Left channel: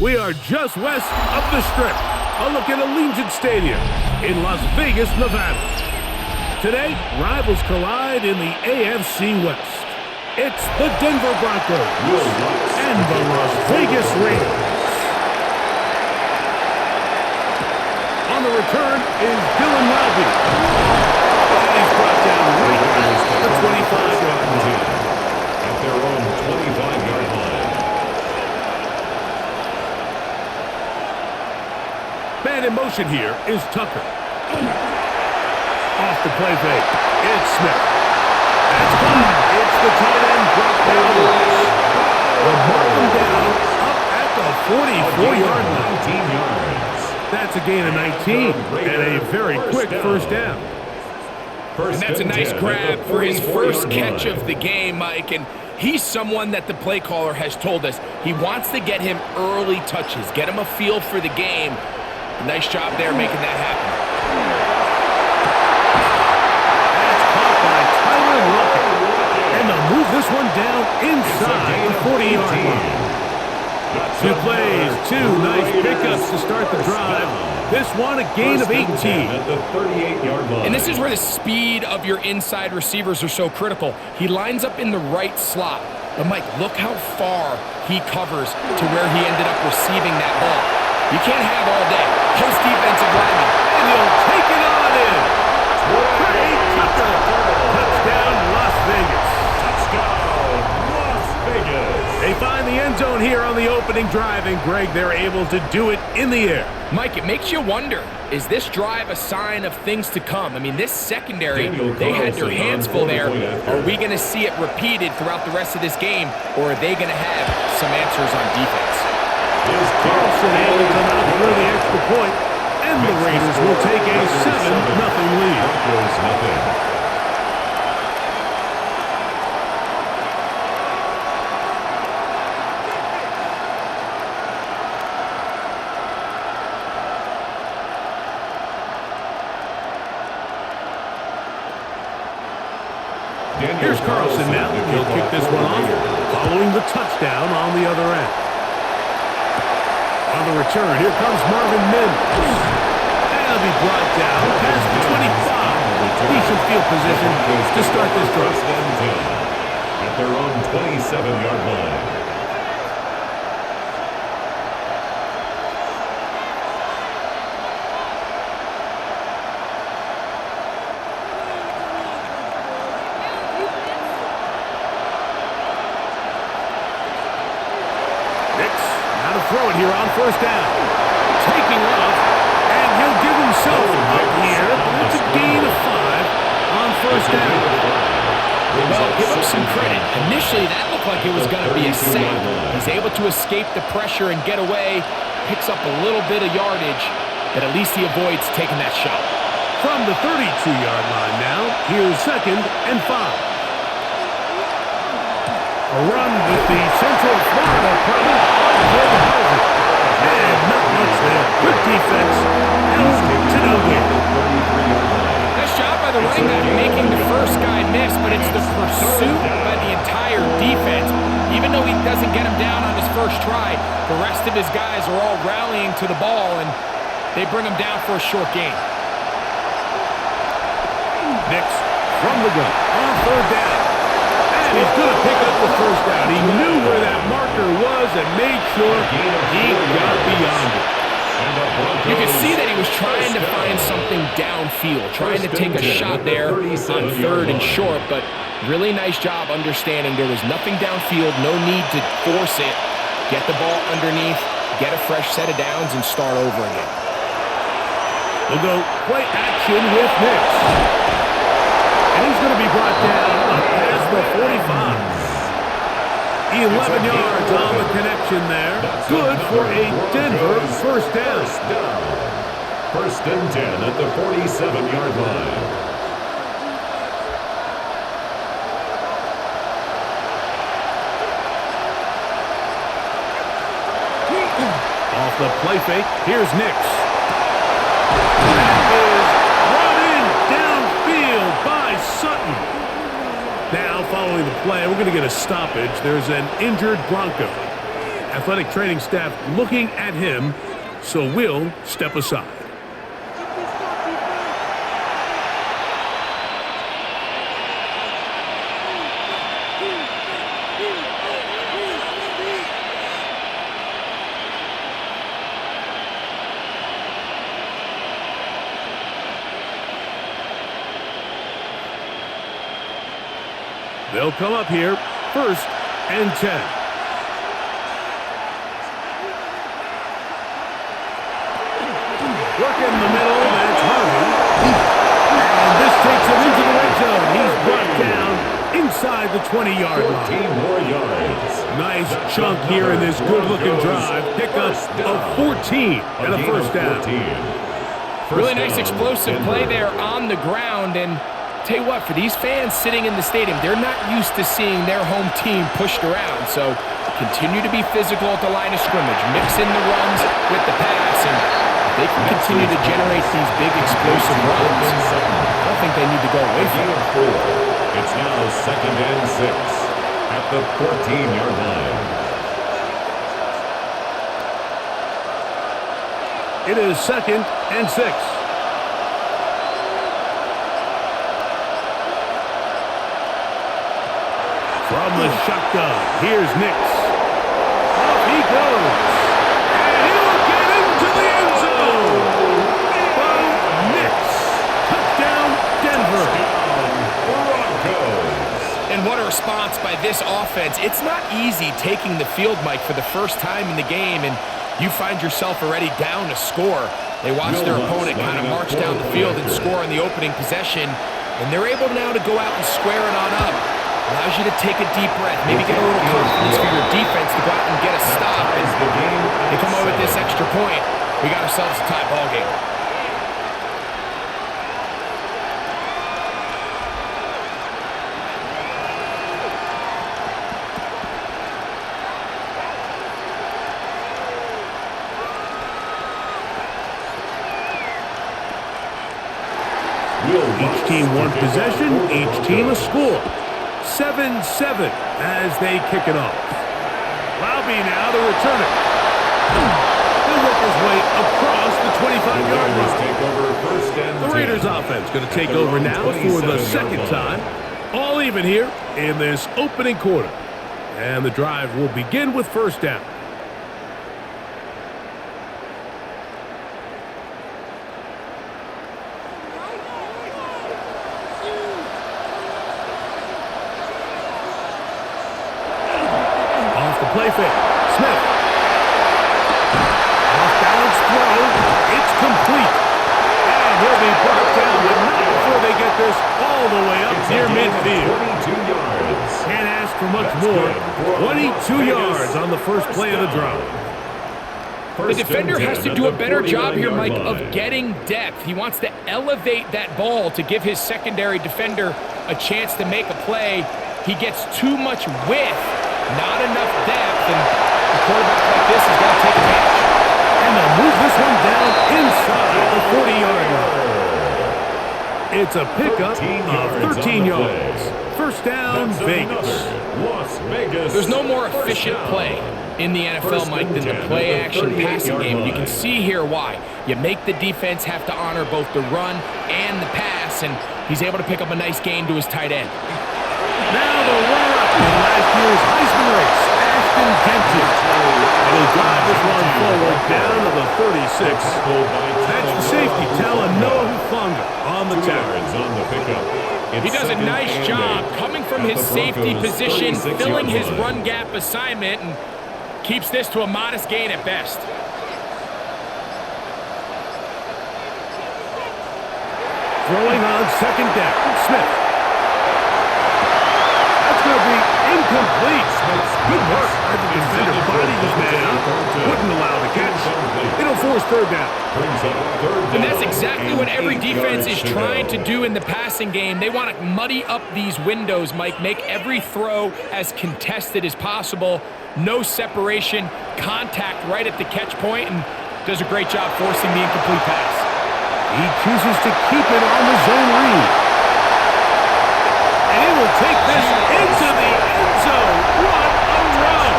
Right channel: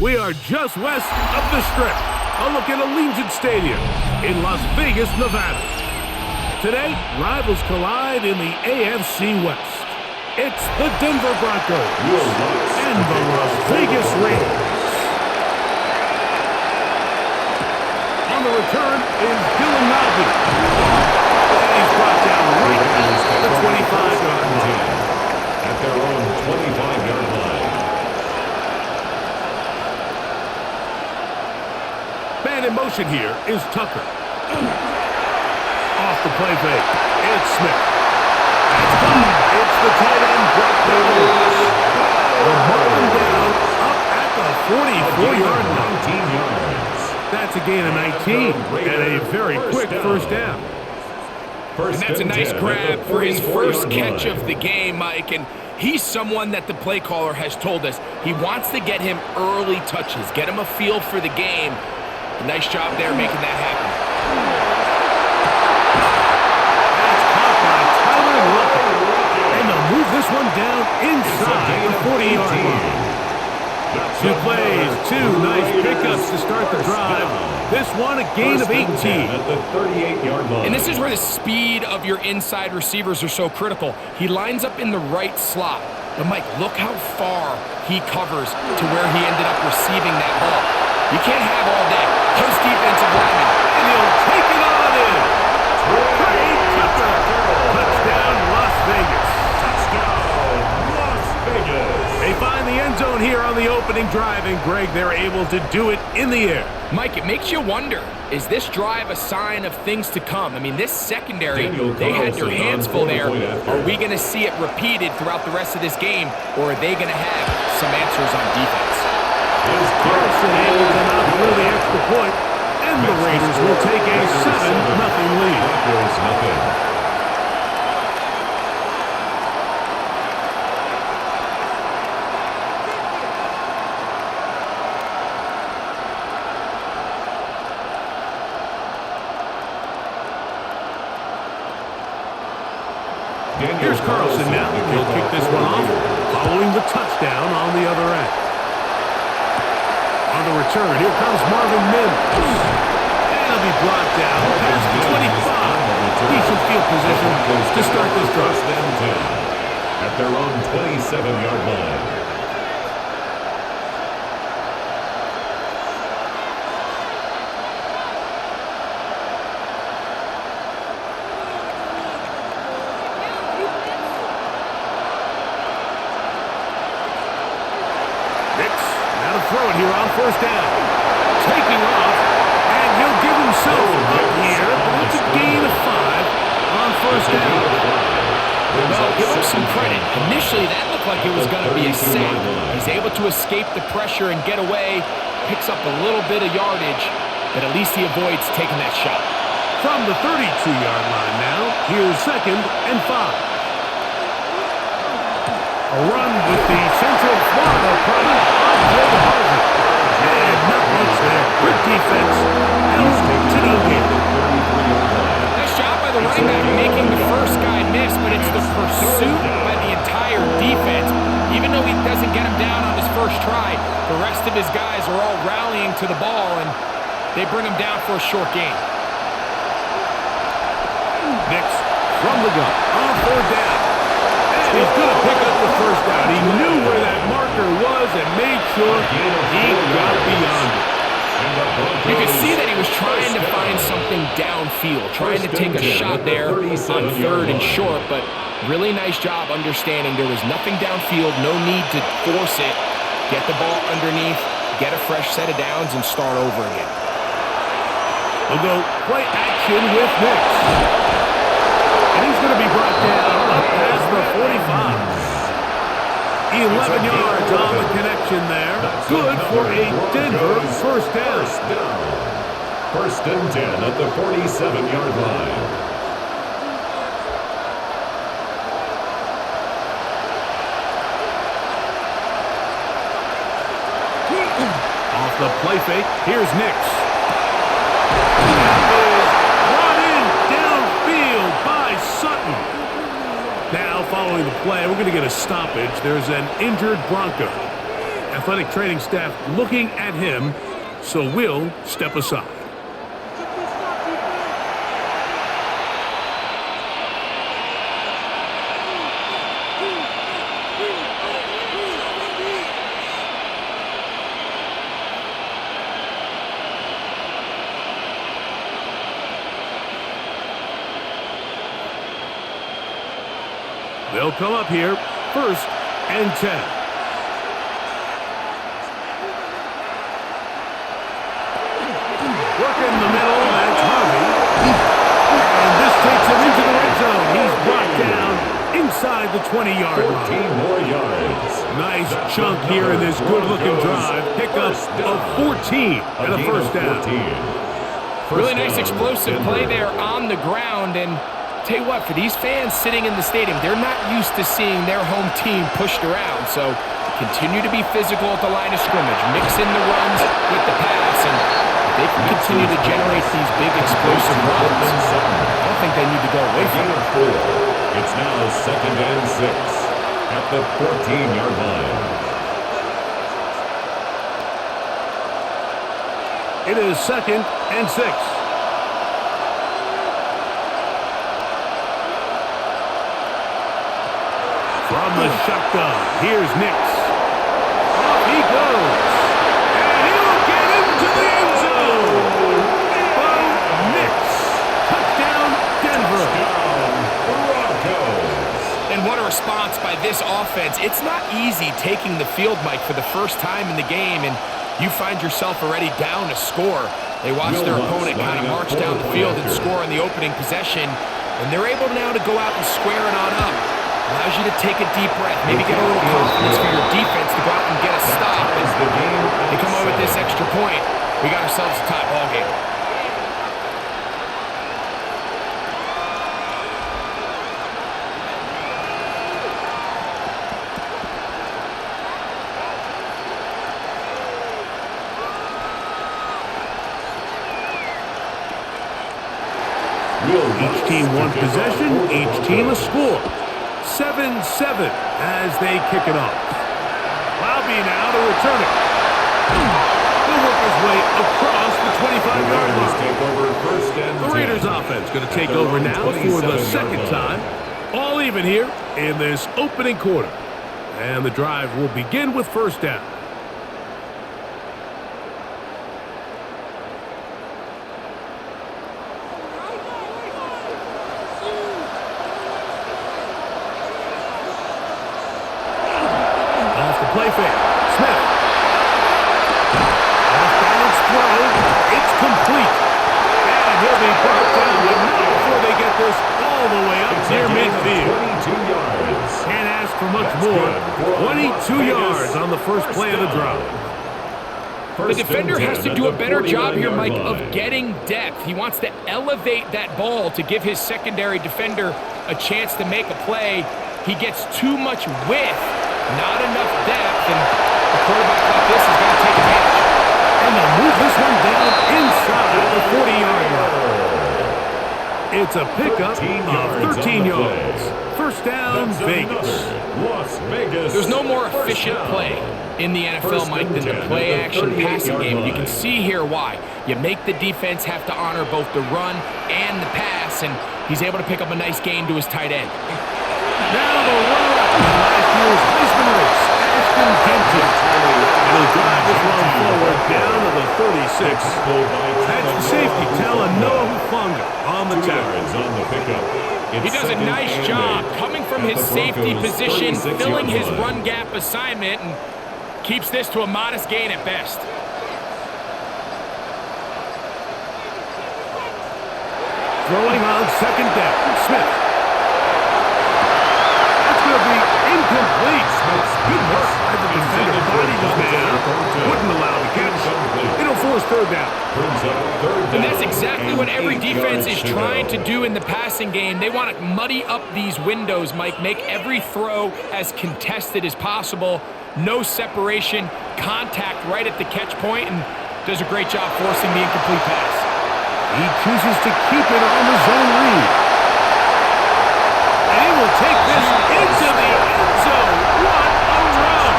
We are just west of the Strip. A look at Allegiant Stadium in Las Vegas, Nevada. Today, rivals collide in the AFC West. It's the Denver Broncos and the Las Vegas Raiders. On the return is Dylan Lowby. And he's brought down right at the 25-yard line. At their own 25-yard line. Man in motion here is Tucker. Off the play fake, it's Smith. That's caught. It's the tight end, Brock Bowers. They'll mark him down up at the 44-yard line. 19 yards. That's a gain of 19 and a very quick first down. And that's a nice grab for his first catch of the game, Mike. And he's someone that the play caller has told us he wants to get him early touches, get him a feel for the game. Nice job there making that happen. That's caught by Tyler Lockett. And they'll move this one down inside the 40-yard line. 2 plays, 2 nice pickups to start the drive. This one a gain of 18. At the 38-yard line. And this is where the speed of your inside receivers are so critical. He lines up in the right slot. But Mike, look how far he covers to where he ended up receiving that ball. You can't have all day. Those defensive linemen. And he'll take it on in. Trey Tucker. Touchdown, Las Vegas. Touchdown, Las Vegas. They find the end zone here on the opening drive, and Greg, they're able to do it in the air. Mike, it makes you wonder, is this drive a sign of things to come? I mean, this secondary, they had their hands full there. Are we going to see it repeated throughout the rest of this game, or are they going to have some answers on defense? Carlson able to knock through the extra point, and the Raiders will take a 7-0 lead. Broncos nothing. Here's Carlson now. He'll kick this one off, following the touchdown on the other end. On the return, here comes Marvin Mims. And he'll be brought down past the 25. Decent field position to start this drive. At their own 27-yard line. Now to throw it here on first down. Taking off, and he'll give himself up here, but it's a gain of 5 on first down. Well, give him some credit. Initially, that looked like it was going to be a sack. He's able to escape the pressure and get away, picks up a little bit of yardage, but at least he avoids taking that shot. From the 32-yard line now, here's 2nd and 5. A run with the Central Florida product, R.J. Harvey. And not much there. Good defense. Held to no gain. Nice job by the running back making the first guy miss, but it's the pursuit by the entire defense. Even though he doesn't get him down on his first try, the rest of his guys are all rallying to the ball, and they bring him down for a short gain. Nix from the gun on third down. And he's going to pick up the first down. He knew where that marker was and made sure he got beyond it. You can see that he was trying to find something downfield, trying to take a shot there on 3rd and short, but really nice job understanding there was nothing downfield, no need to force it. Get the ball underneath, get a fresh set of downs, and start over again. We'll go play action with Nix. And he's going to be brought down up past the 45. 11 yards on the connection there. Good for a Denver first down. First and 10 at the 47-yard line. Off the play fake, here's Nix. That is brought in downfield by Sutton. Now, following the play, we're going to get a stoppage. There's an injured Bronco. Athletic training staff looking at him, so we'll step aside. They'll come up here, 1st and 10. Work in the middle, that's Harvey. And this takes him into the red zone. He's brought down inside the 20-yard line. 14 more yards. Nice chunk here in this good-looking drive. Pickup of 14 and a first down. Really nice explosive play there on the ground. And tell you what, for these fans sitting in the stadium, they're not used to seeing their home team pushed around. So continue to be physical at the line of scrimmage. Mix in the runs with the pass, and they can continue to generate these big explosive runs. I don't think they need to go away from it. 4. It's now 2nd and 6 at the 14-yard line. It is 2nd and 6. From the shotgun, here's Nix. Off he goes. And he will get into the end zone. Bo Nix. Touchdown, Denver. Touchdown, Broncos. And what a response by this offense. It's not easy taking the field, Mike, for the first time in the game, and you find yourself already down a score. They watch their opponent kind of march down the field and score on the opening possession, and they're able now to go out and square it on up. Allows you to take a deep breath, maybe get a little confidence for your defense to go out and get a stop. And they come over with this extra point. We got ourselves a tie ball game. Each team one possession, each team a score. 7-7 as they kick it off. Laube now to return it. He'll work his way across the 25-yard line. Take over 1st and 10. The Raiders offense going to take over now for the second time. All even here in this opening quarter. And the drive will begin with 1st down. Off the play fake. Smith. Off-balance throw. It's complete. And he'll be brought down, but not before they get this all the way up near midfield. 22 yards. Can't ask for much more. 22 yards on the first play of the drive. The defender has to do a better job here, Mike, of getting depth. He wants to elevate that ball to give his secondary defender a chance to make a play. He gets too much width, not enough depth, and a quarterback like this is going to take advantage. And they'll move this one down inside the 40-yard line. It's a pickup of 13 yards. First down, Vegas. Las Vegas. There's no more efficient play in the NFL, Mike, than the play-action passing game. You can see here why. You make the defense have to honor both the run and the pass, and he's able to pick up a nice gain to his tight end. Now the runner-up in last year's Heisman race, Ashton Genty. And he'll drive this one forward down to the 36. That's the safety telling Noah Hufanga on the tackle. On the pickup. He does a nice job coming from his safety position, filling his run gap assignment, and keeps this to a modest gain at best. Throwing on second down, Smith. That's going to be incomplete. Good work by the defender. Bodied his man up. Wouldn't allow the catch. It'll force third down. And that's exactly what every defense is trying to do in the passing game. They want to muddy up these windows, Mike. Make every throw as contested as possible. No separation. Contact right at the catch point, and does a great job forcing the incomplete pass. He chooses to keep it on the zone read. And he will take this into the end zone. What a run!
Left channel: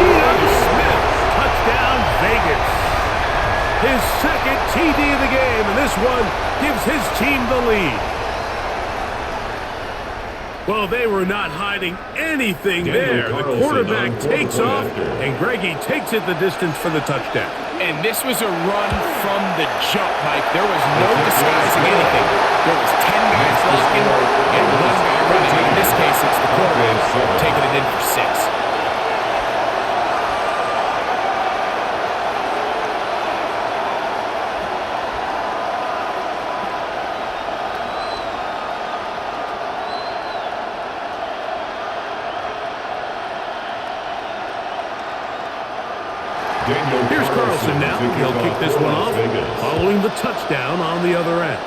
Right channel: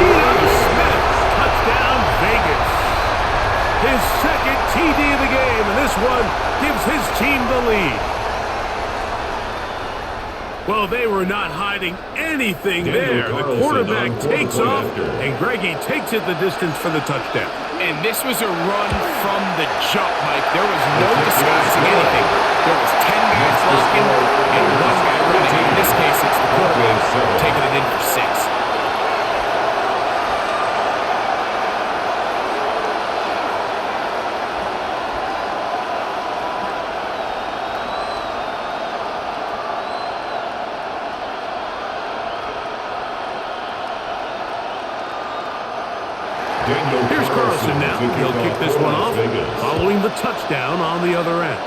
He knows TD of the game, and this one gives his team the lead. Well, they were not hiding anything there. The quarterback takes off, and Greggy takes it the distance for the touchdown. And this was a run from the jump, Mike. There was no disguising anything. There was 10 guys blocking and 1 guy running. In this case, it's the quarterback taking it in for 6. Here's Carlson now. He'll kick this one off, following the touchdown on the other end.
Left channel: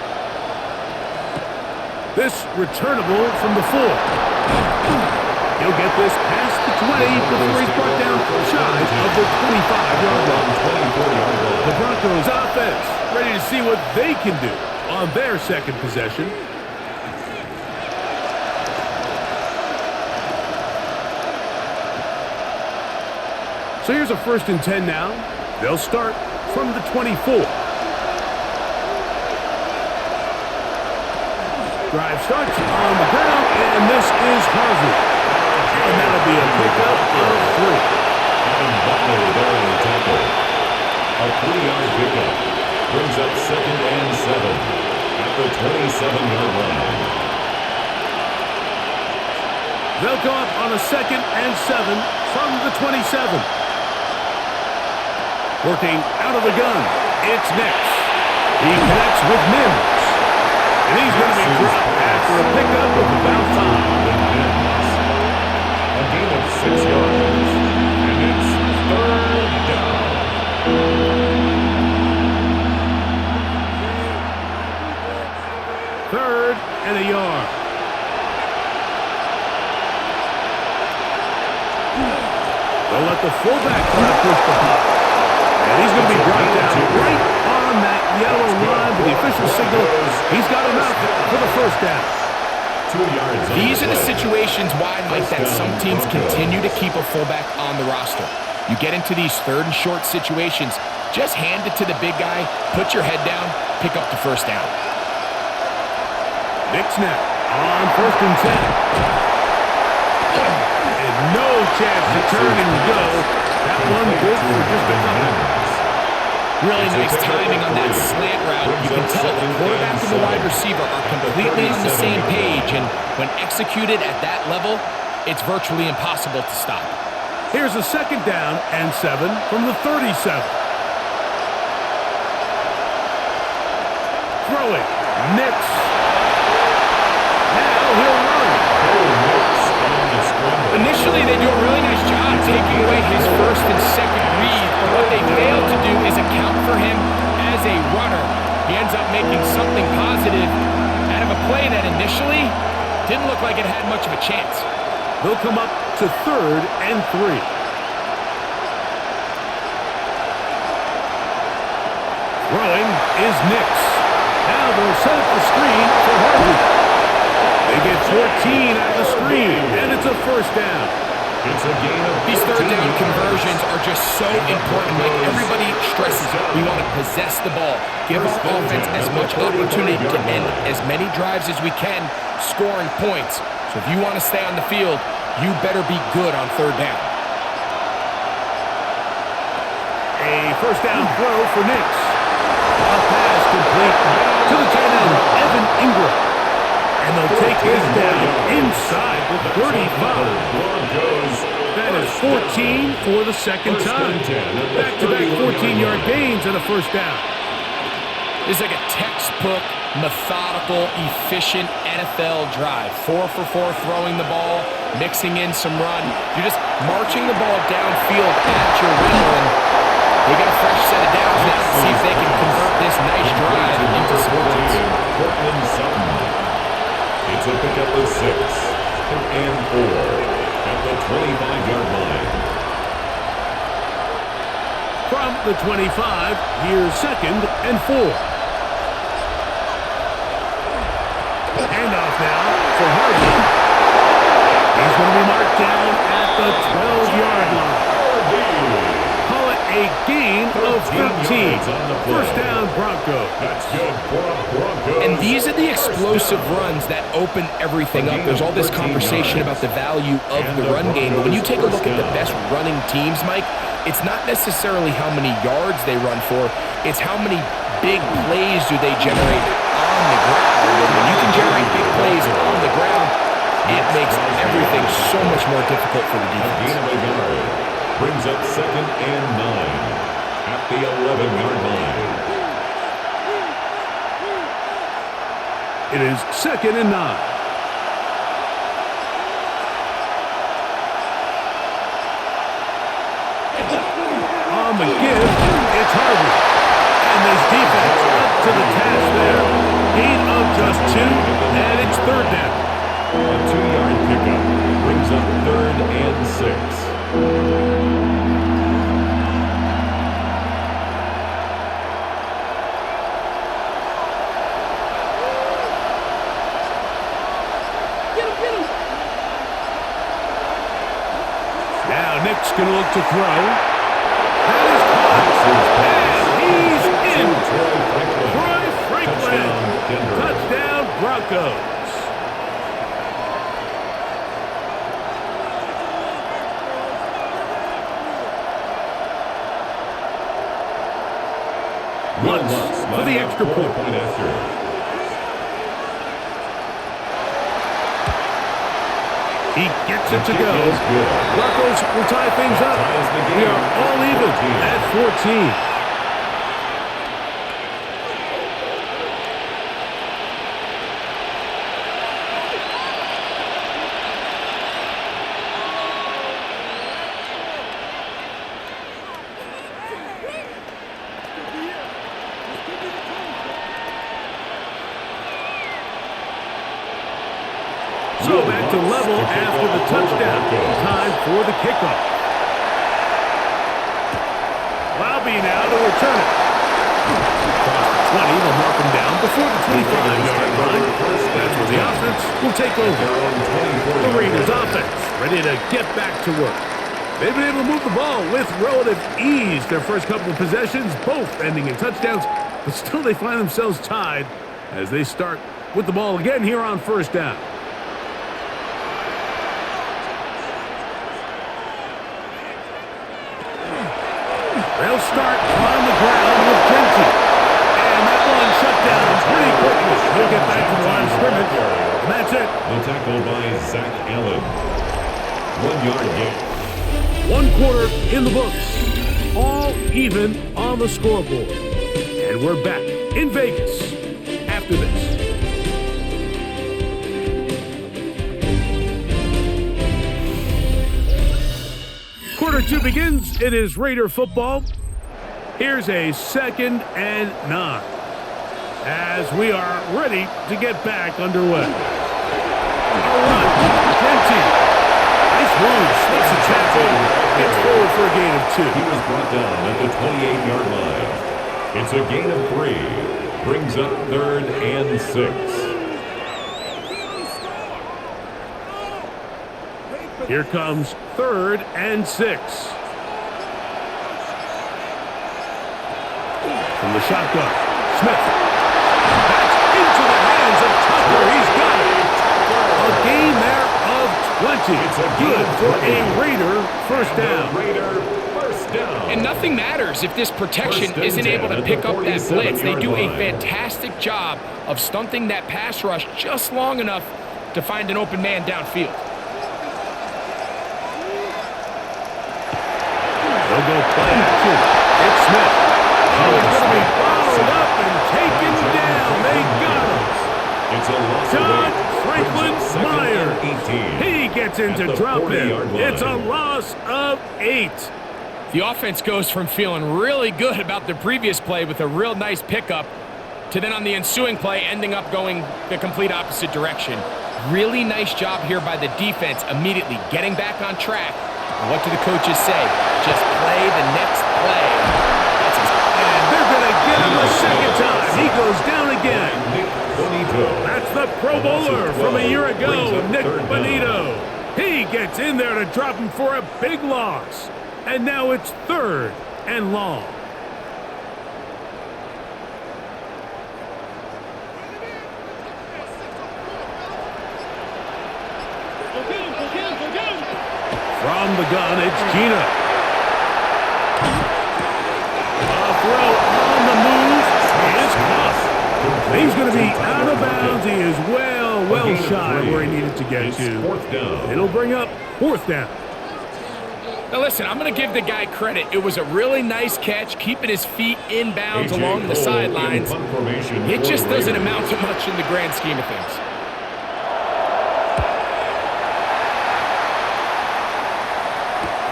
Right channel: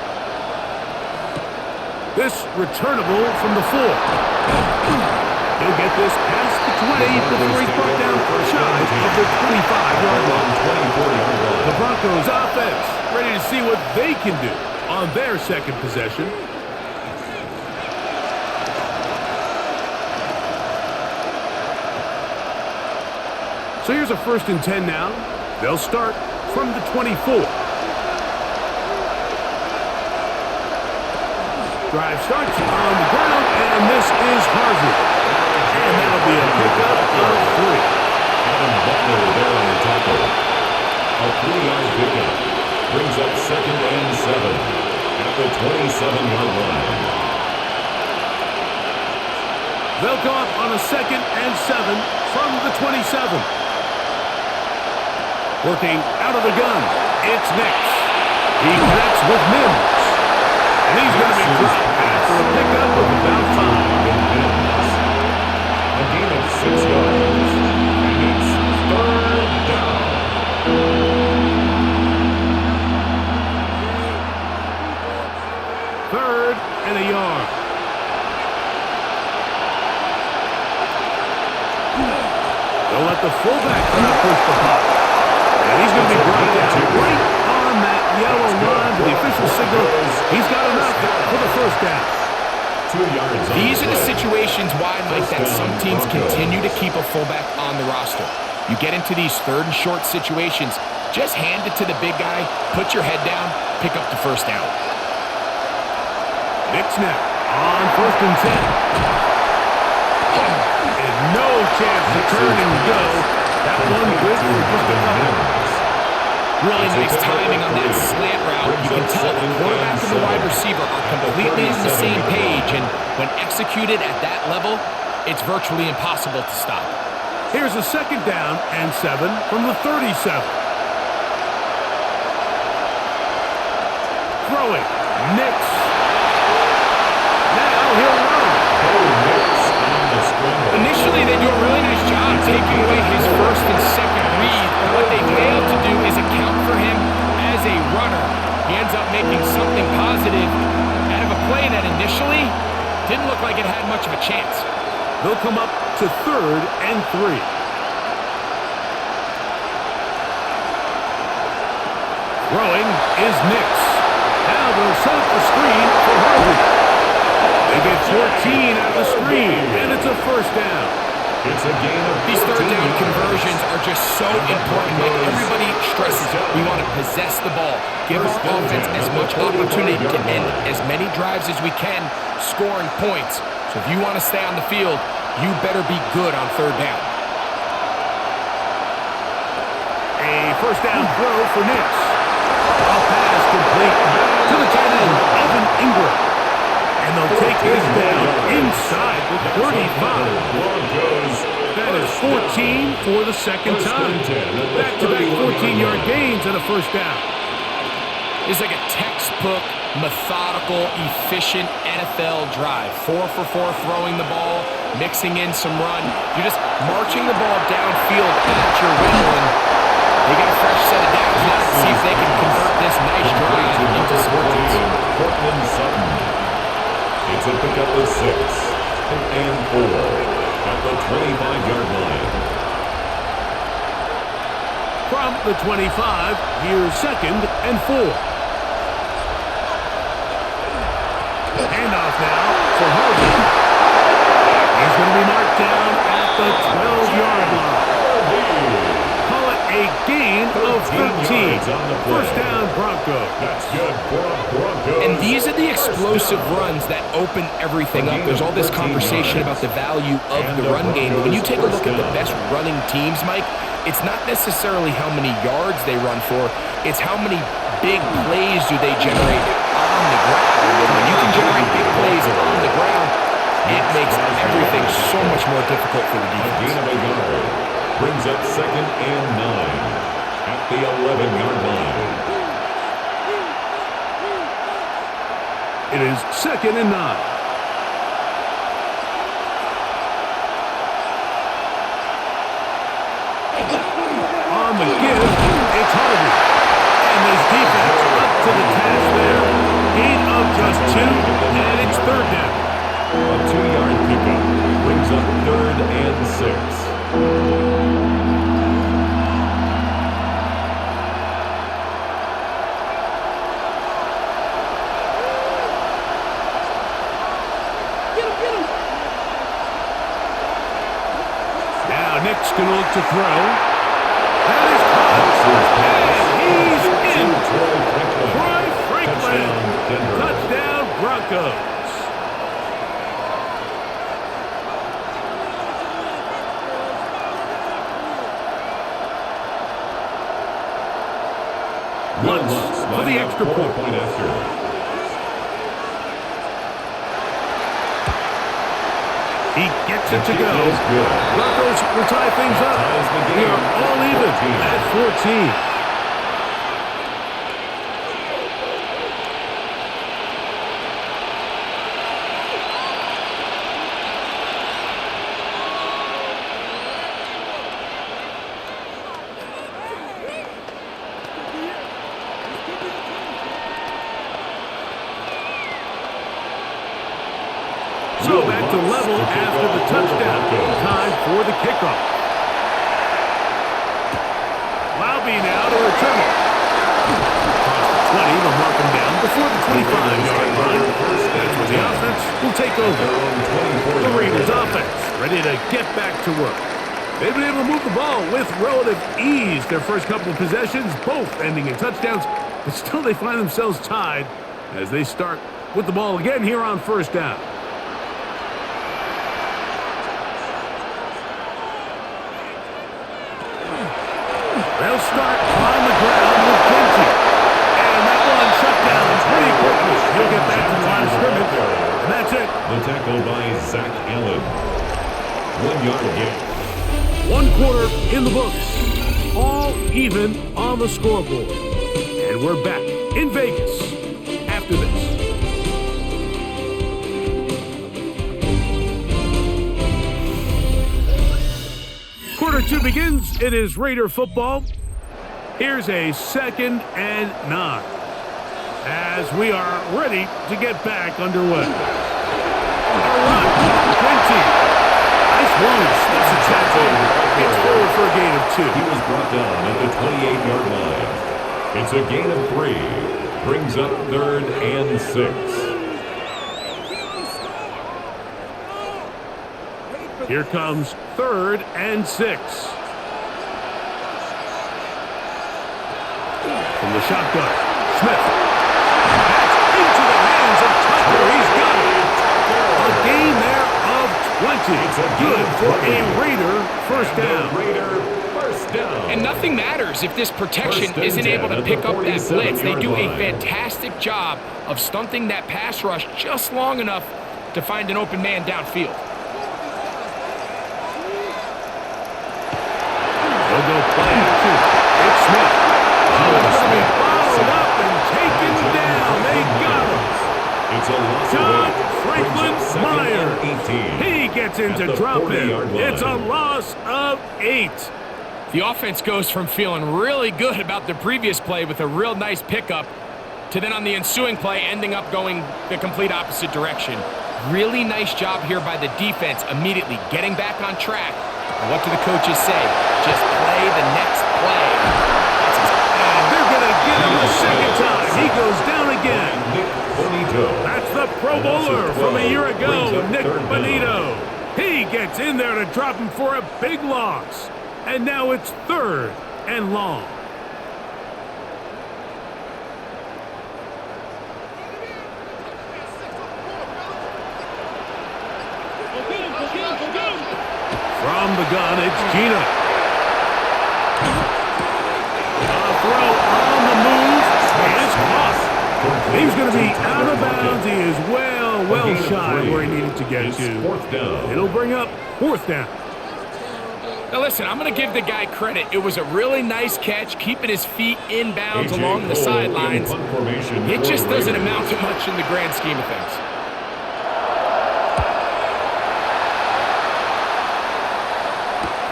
This returnable from the 4. He'll get this past the 20 before he's brought down shy of the 25-yard line. The Broncos offense ready to see what they can do on their second possession. So here's a 1st and 10 now. They'll start from the 24. Drive starts on the ground, and this is Harvey. And that'll be a pickup of 3. Adam Butler there on the tackle. A 3-yard pickup brings up 2nd and 7 at the 27-yard line. They'll go up on a 2nd and 7 from the 27. Working out of the gun, it's Nix. He connects with Mims. And he's going to be dropped after a pickup of about 5. A gain of 6 yards. And it's 3rd down. 3rd and a yard. They'll let the fullback try to push the pot. And he's going to be brought down right on that yellow line with the official signal. He's got enough for the 1st down. 2 yards. These are the situations why, Mike, that some teams continue to keep a fullback on the roster. You get into these 3rd and short situations, just hand it to the big guy, put your head down, pick up the 1st down. Nick snap on 1st and 10. And no chance to turn and go. That one good for just a couple. Really nice timing on that slant route. You can tell the quarterback and the wide receiver are completely on the same page, and when executed at that level, it's virtually impossible to stop. Here's a 2nd down and 7 from the 37. Throwing, Nix. Now he'll run. Initially, they do a really nice job taking away his 1st and 2nd read, but what they fail to do is account for him as a runner. He ends up making something positive out of a play that initially didn't look like it had much of a chance. They'll come up to 3rd and 3. Throwing is Nix. Now they'll set up the screen for Harvey. They get 14 out of the screen, and it's a 1st down. It's a gain of 14 These 3rd down yards. conversions are just so important. Like everybody stresses, we want to possess the ball, give our offense as much opportunity to end as many drives as we can, scoring points. So if you want to stay on the field, you better be good on 3rd down. A 1st down throw for Nix. A pass complete to the tight end, Evan Ingram. And they'll take this down inside the 35. That is 14 for the 2nd time. Back-to-back 14-yard gains and a 1st down. It's like a textbook, methodical, efficient NFL drive. 4 for 4 throwing the ball, mixing in some run. You're just marching the ball downfield at your will, and they get a fresh set of downs now to see if they can convert this nice drive into some points. Cortland Sutton. It's a pickup of 6 and 4 at the 25-yard line. From the 25, here's 2nd and 4. Handoff now for Harvey. He's going to be marked down at the 12-yard line. Call it a a gain of 13. yards on the play. First down, Broncos. That's good for a Broncos. And these are the first explosive down. runs that open everything A up. gain There's of all this 13 conversation yards. about the value of And the the run game. But when you Broncos take a look first at the down. best running teams, Mike, it's not necessarily how many yards they run for. It's how many big plays do they generate on the ground. And when you can generate big plays on the ground, it makes everything so much more difficult for the A gain defense. of a yard. Brings up 2nd and 9 at the 11-yard line. It is 2nd and 9. On the give, it's Harvey. And this defense up to the task there. Gain of just 2, and it's 3rd down. A 2-yard pickup brings up 3rd and 6. Now Nick's going to look to throw. That is caught, and he's in. Troy Franklin. Troy Franklin. Touchdown, Denver. Touchdown, Broncos. Once for the extra point. After. He gets it to go. Broncos will tie things up. We are all even at 14. So back to level after the touchdown. Time for the kickoff. Lowby now to return it. Across the 20, they'll mark him down before the 25-yard line. That's where the offense will take over. The Raiders offense ready to get back to work. They've been able to move the ball with relative ease. Their first couple of possessions, both ending in touchdowns, but still they find themselves tied as they start with the ball again here on first down. They'll start on the ground with Genty. And that one shut down pretty quickly. He'll get back to the line of scrimmage, and that's it. The tackle by Zach Allen. 1-yard gain. 1 quarter in the books. All even on the scoreboard. And we're back in Vegas after this. Quarter 2 begins. It is Raider football. Here's a 2nd and 9 as we are ready to get back underway. A run. Genty. Nice move. Slips the tackle. Gets forward for a gain of 2. He was brought down at the 28-yard line. It's a gain of 3. Brings up 3rd and 6. Here comes 3rd and 6. From the shotgun, Smith. That's into the hands of Tucker. He's got it. A gain there of 20. It's good for a Raider first down. Raider first down. And nothing matters if this protection isn't able to pick up that blitz. They do a fantastic job of stunting that pass rush just long enough to find an open man downfield. They'll go play action. It's Smith. Oh, he's going to be bottled up and taken down. They got him. It's a loss John of 8. Franklin Myers. He gets into drop it. It's a loss of 8. The offense goes from feeling really good about the previous play with a real nice pickup to then on the ensuing play ending up going the complete opposite direction. Really nice job here by the defense immediately getting back on track. And what do the coaches say? Just play the next play. And they're going to get him a second time. He goes down again. That's the Pro Bowler from a year ago, Nick Bonito. He gets in there to drop him for a big loss. And now it's 3rd and long. From the gun, it's Gino. A throw on the move is caught. He's going to be out of bounds. He is well shy where he needed to get to. It'll bring up 4th down. Now listen, I'm going to give the guy credit. It was a really nice catch, keeping his feet in bounds along the sidelines. It just doesn't amount to much in the grand scheme of things.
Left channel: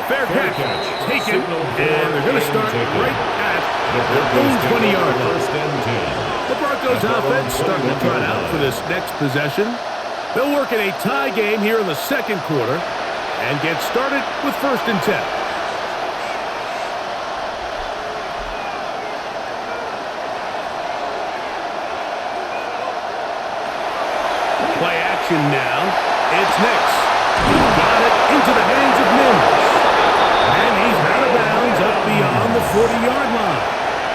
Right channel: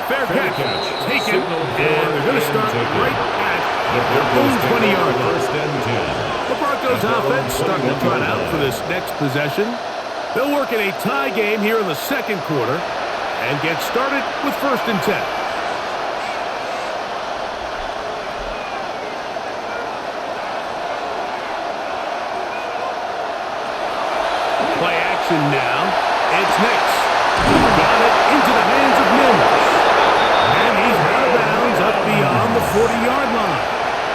Fair catch. Taken, and they're going to start right at their own 20-yard line. The Broncos offense starting to trot out for this next possession. They'll work in a tie game here in the 2nd quarter and get started with 1st and 10. Play action now. It's Nix. Got it into the hands of Mims. And he's out of bounds up beyond the 40-yard line.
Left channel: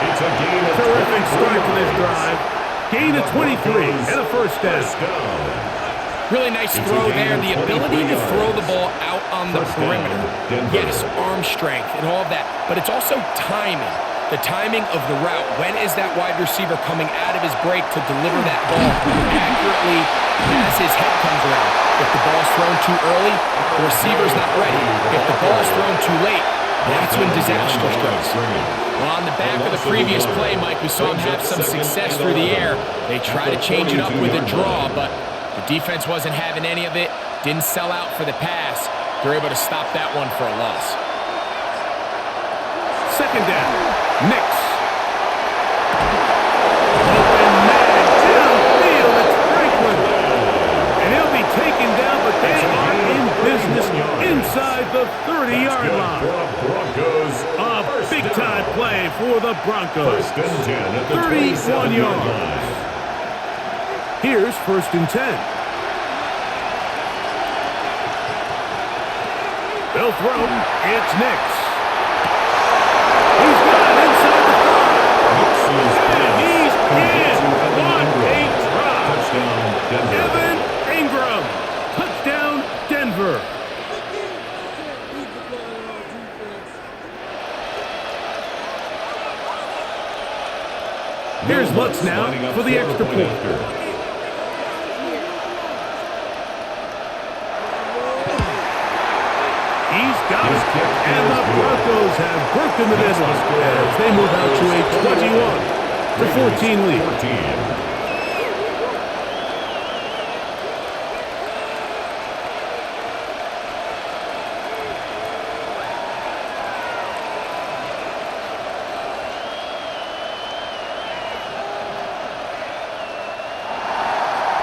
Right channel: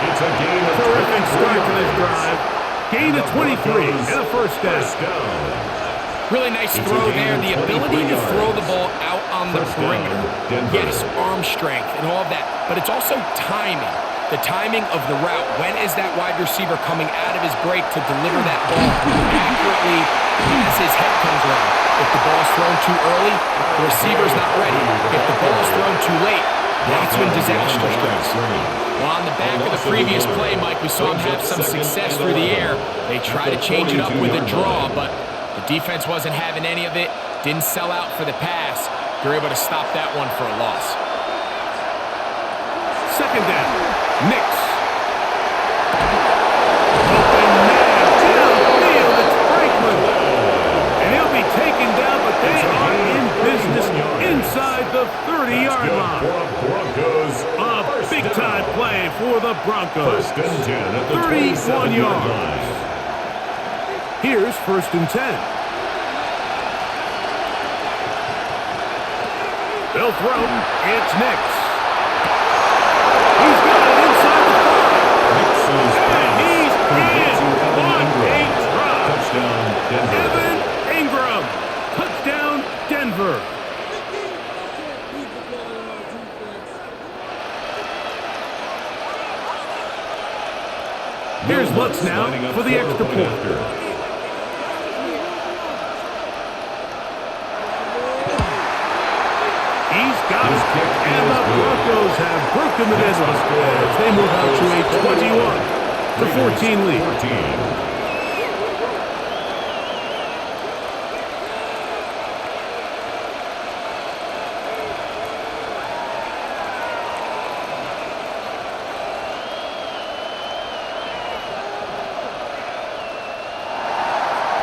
It's a gain of Terrific start to this drive. Gain of 23 and a 1st down. Really nice throw there. The ability to throw the ball out on the perimeter. Yes, arm strength and all of that. But it's also timing. The timing of the route. When is that wide receiver coming out of his break to deliver that ball accurately as his head comes around? If the ball's thrown too early, the receiver's not ready. If the ball's thrown too late, that's when disaster strikes. Well, on the back of the previous play, Mike, we saw him have some success through the air. They tried to change it up with a draw, but the defense wasn't having any of it. Didn't sell out for the pass. They're able to stop that one for a loss. 2nd down. Nix. Open man downfield. It's Franklin. And he'll be taken down, but they are in business inside the 30-yard line. A big-time play for the Broncos. 1st and 10 at the 31 yards. line. Here's 1st and 10. They'll throw. It's Nix. He's got it inside the 5. And he's in. What a try. Touchdown, Denver. Evan Ingram. Touchdown, Denver. Here's Lutz now for the extra point. He's got it, and the Broncos have broken the deadlock as they move out to a 21-14 lead.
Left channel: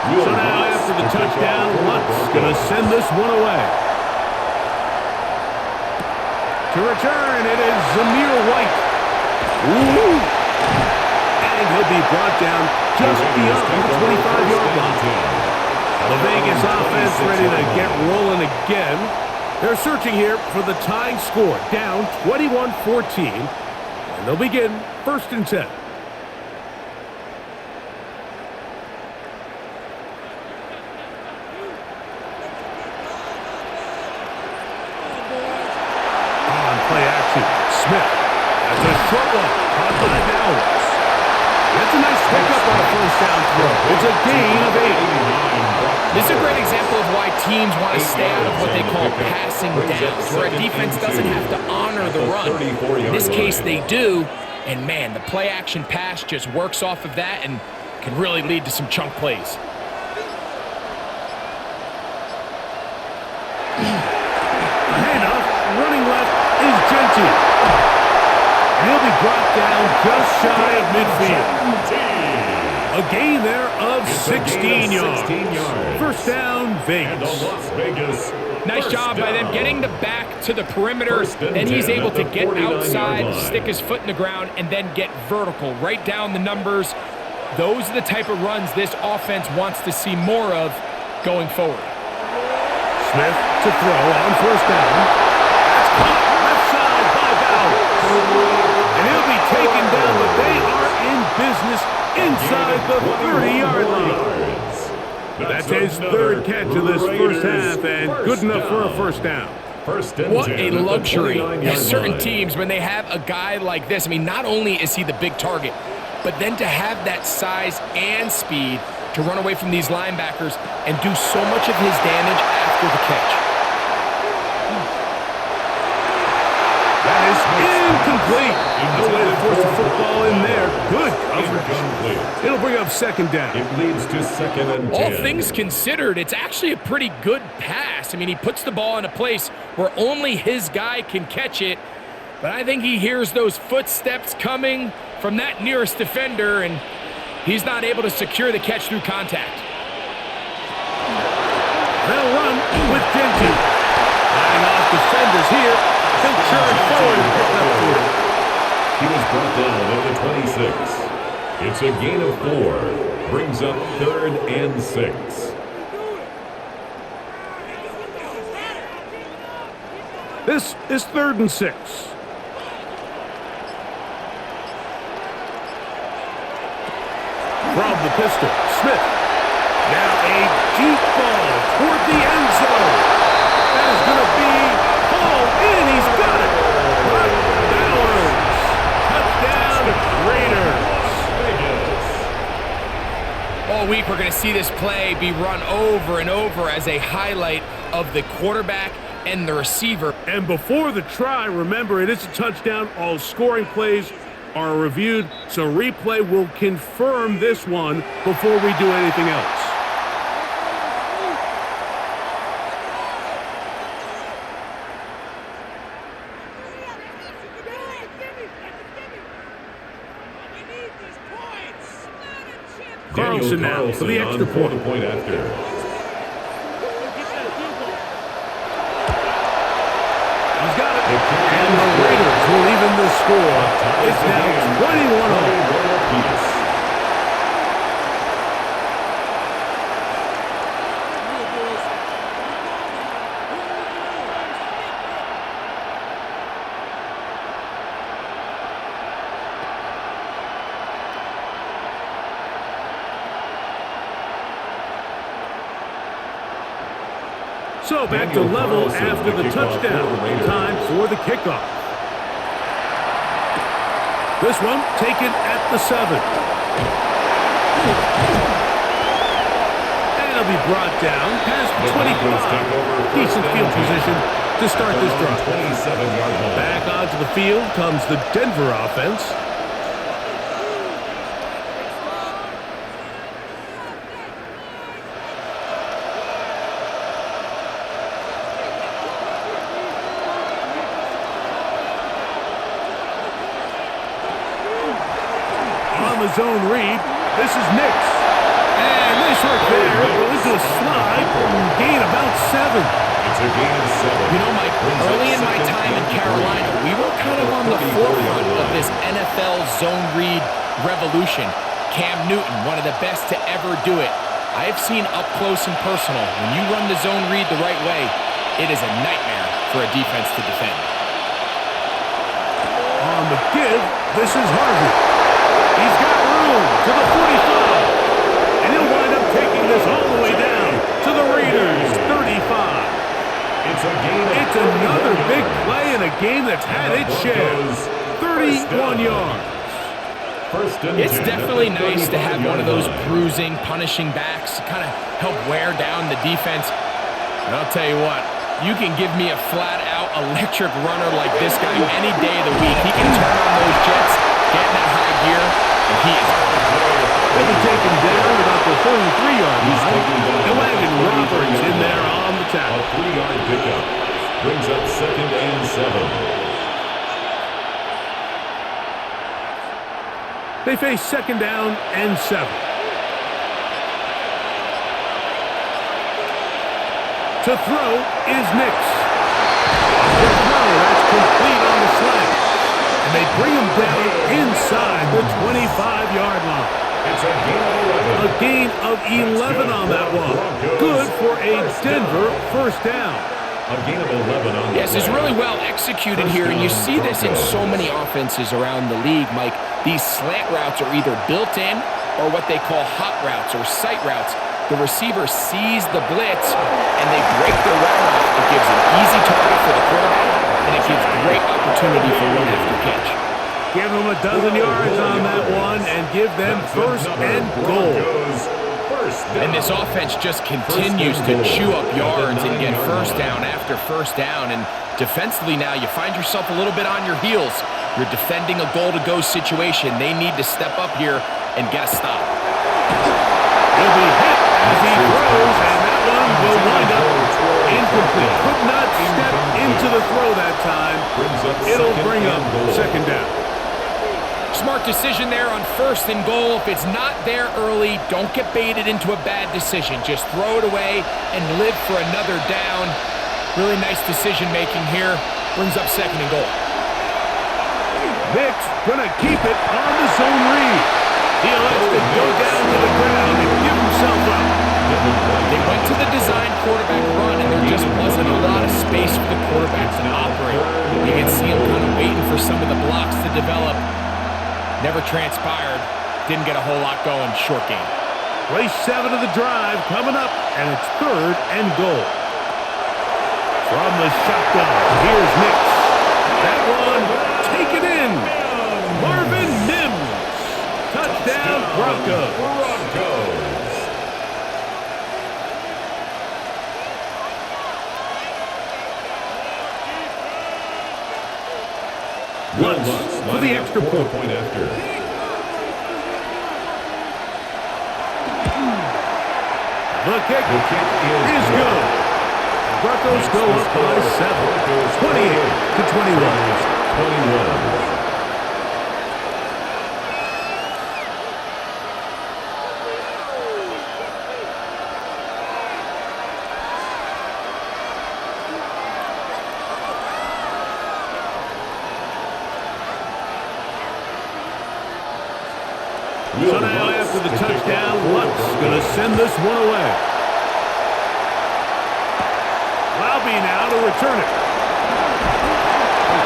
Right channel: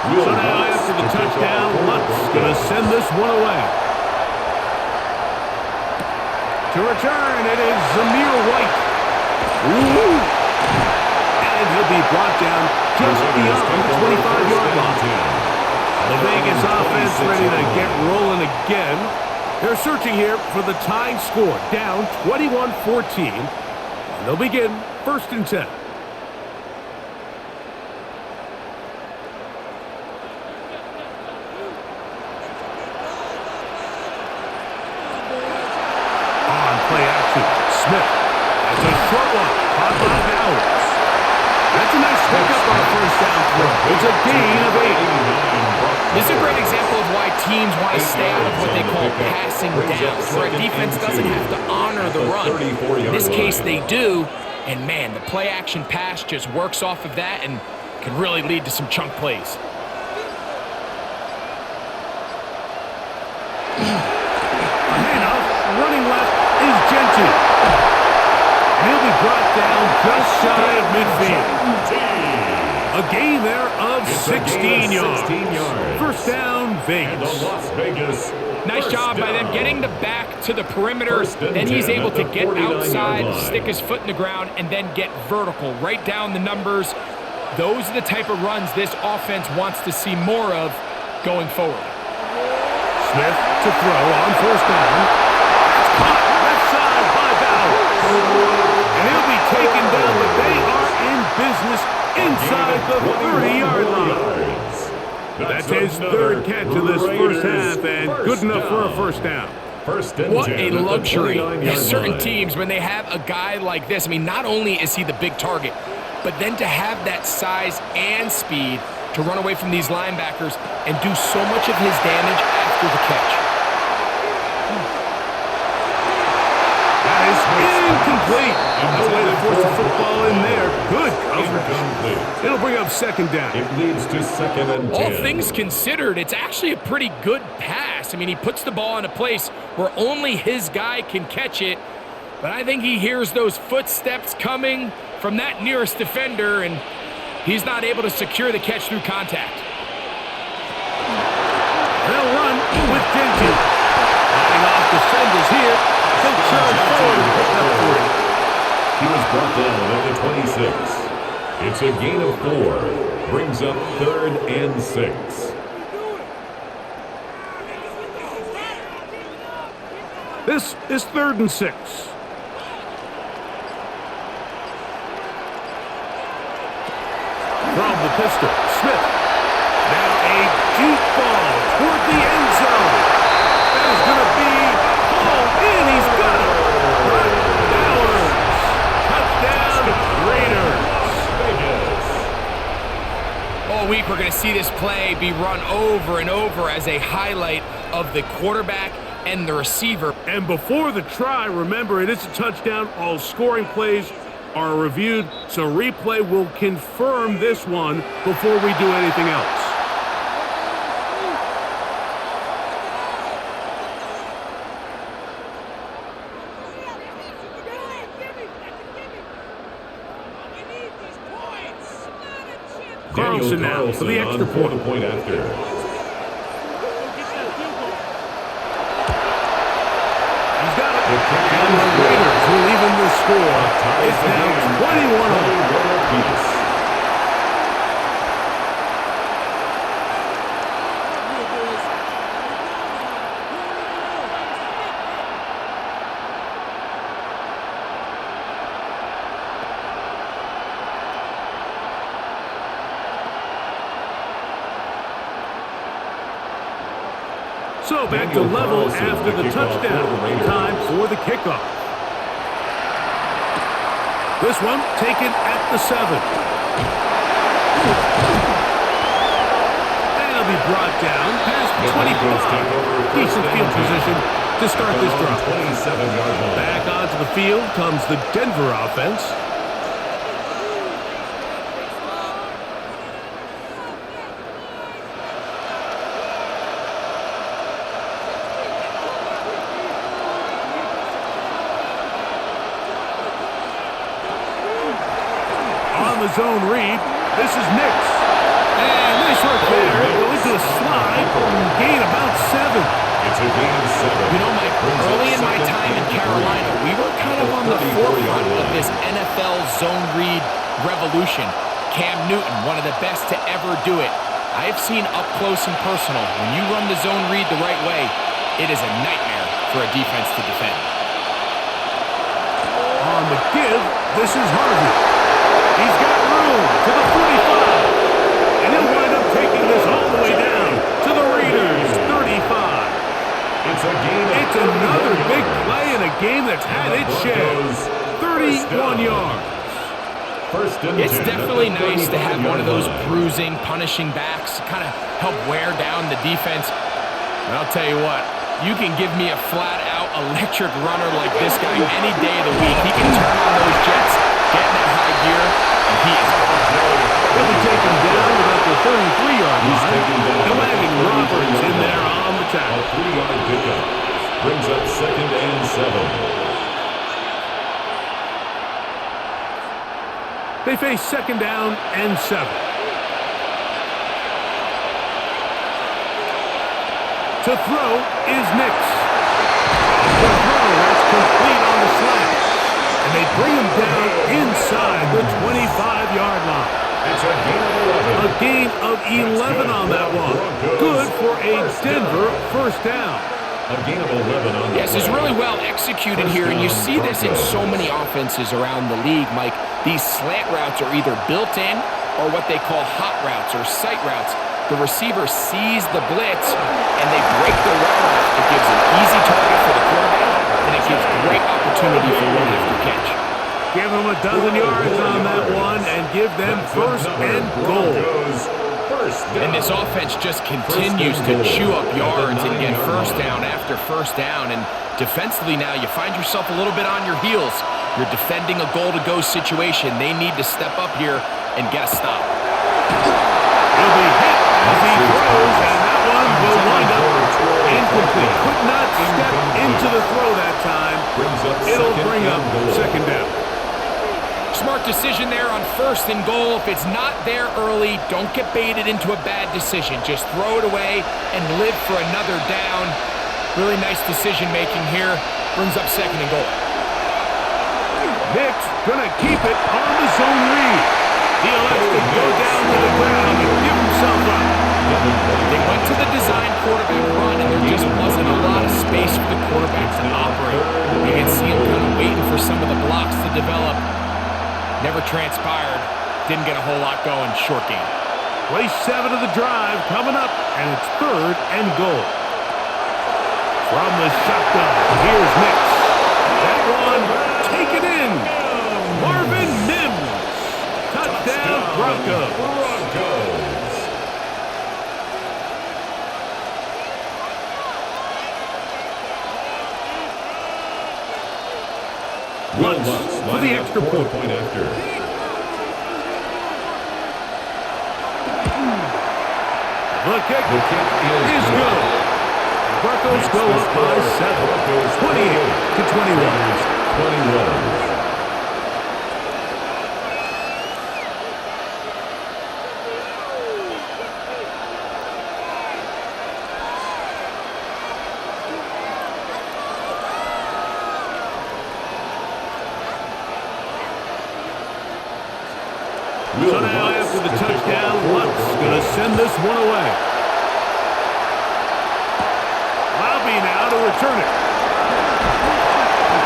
So now after the touchdown, Lutz going to send this one away. To return, it is Zamir White. Ooh. And he'll be brought down just beyond the 25-yard line. The Vegas offense ready to get rolling again. They're searching here for the tying score, down 21-14. And they'll begin 1st and 10. Play action. Smith. That's a short one. Caught by Bowers. That's a nice pickup on a 1st down throw. It's a gain of 8. This is a great example of why teams want to stay out of what they call passing downs, where a defense doesn't have to honor the run. In this case, they do. And man, the play action pass just works off of that and can really lead to some chunk plays. A handoff. Running left is Gentile. And he'll be brought down just shy of midfield. A gain there of 16 yards. 1st down, Vegas. Nice job by them getting the back to the perimeter. Then he's able to get outside, stick his foot in the ground, and then get vertical. Right down the numbers. Those are the type of runs this offense wants to see more of going forward. Smith to throw on 1st down. That's caught left side by Bowers. business inside the 30-yard line. That's his third catch of this first half, and good enough for a first down. What a luxury. Certain teams, when they have a guy like this, I mean, not only is he the big target, but then to have that size and speed to run away from these linebackers and do so much of his damage after the catch. That is incomplete. No way to force the football in there. Good coverage. It'll bring up second down. It leads to 2nd and 10. All things considered, it's actually a pretty good pass. I mean, he puts the ball in a place where only his guy can catch it, but I think he hears those footsteps coming from that nearest defender, and he's not able to secure the catch through contact. They'll run with Genty. Fighting off defenders here. He'll charge forward and pick up for it. He was brought down at the 26. It's a gain of 4. Brings up 3rd and 6. This is 3rd and 6. From the pistol, Smith. Now a deep ball toward the end zone. That is going to be pulled in. He's got it. Brock Bowers. Touchdown, Raiders. All week we're going to see this play be run over and over as a highlight of the quarterback and the receiver. And before the try, remember, it is a touchdown. All scoring plays are reviewed, so replay will confirm this one before we do anything else. Carlson now for the extra point. After. He's got it. And the Raiders will even the score. It's now 21-0. So back to level after the touchdown. Time for the kickoff. This one taken at the 7. And it'll be brought down past the 25. Decent field position to start this drive. Back onto the field comes the Denver offense. On the zone read, this is Nix. And nice work there. He'll go into a slide and gain about 7. It's a gain of 7. You know, Mike, early in my time in Carolina, we were kind of on the forefront of this NFL zone read revolution. Cam Newton, one of the best to ever do it. I've seen up close and personal, when you run the zone read the right way, it is a nightmare for a defense to defend. On the give, this is Harvey. He's got room to the 45. And he'll wind up taking this all the way down to the Raiders' 35. It's a gain of It's another big play in a game that's had its share. 31 yards. It's definitely nice to have one of those bruising, punishing backs, kind of help wear down the defense. And I'll tell you what, you can give me a flat-out electric runner like this guy any day of the week. He can turn on those jets, get in that high gear, and he is gone. He'll be taken down about the 33-yard line. And Landon Roberts in there on the tackle. A 3-yard pickup brings up 2nd and 7. They face 2nd down and 7. To throw is Nix. Quick throw, that's complete on the slant. And they bring him down inside the 25-yard line. It's a gain of 11. A gain of 11 on that one. Good for a Denver first down. A gain of 11 on the Yes, it's play. really well executed First here, and you down, see this in so Broncos. many offenses around the league, Mike. These slant routes are either built in or what they call hot routes or sight routes. The receiver sees the blitz, and they break their route off. It gives an easy target for the quarterback, and it gives great opportunity for run after catch. Give them a dozen yards on that one and give them first and goal. Broncos, first down. And this offense just continues to chew up yards and get first down after first down. And defensively now, you find yourself a little bit on your heels. You're defending a goal-to-go situation. They need to step up here and get a stop. He'll be hit as he throws, and that one will wind up incomplete. Could not step into the throw that time. It'll bring up second down. Smart decision there on first and goal. If it's not there early, don't get baited into a bad decision. Just throw it away and live for another down. Really nice decision making here. Brings up second and goal. Nick's gonna keep it on the zone read. He elects to go down to the ground and give himself up. They went to the design quarterback run, and there just wasn't a lot of space for the quarterback to operate. You can see him kind of waiting for some of the blocks to develop. Never transpired. Didn't get a whole lot going. Short game. Play 7 of the drive coming up, and it's third and goal. From the shotgun, here's Nix. That one taken in. Marvin Mims. Touchdown, Broncos. Lutz for the extra point after. The kick is good. And Broncos go up by 7. 28-21. So now after the touchdown, Lutz going to send this one away. Lowby now to return it.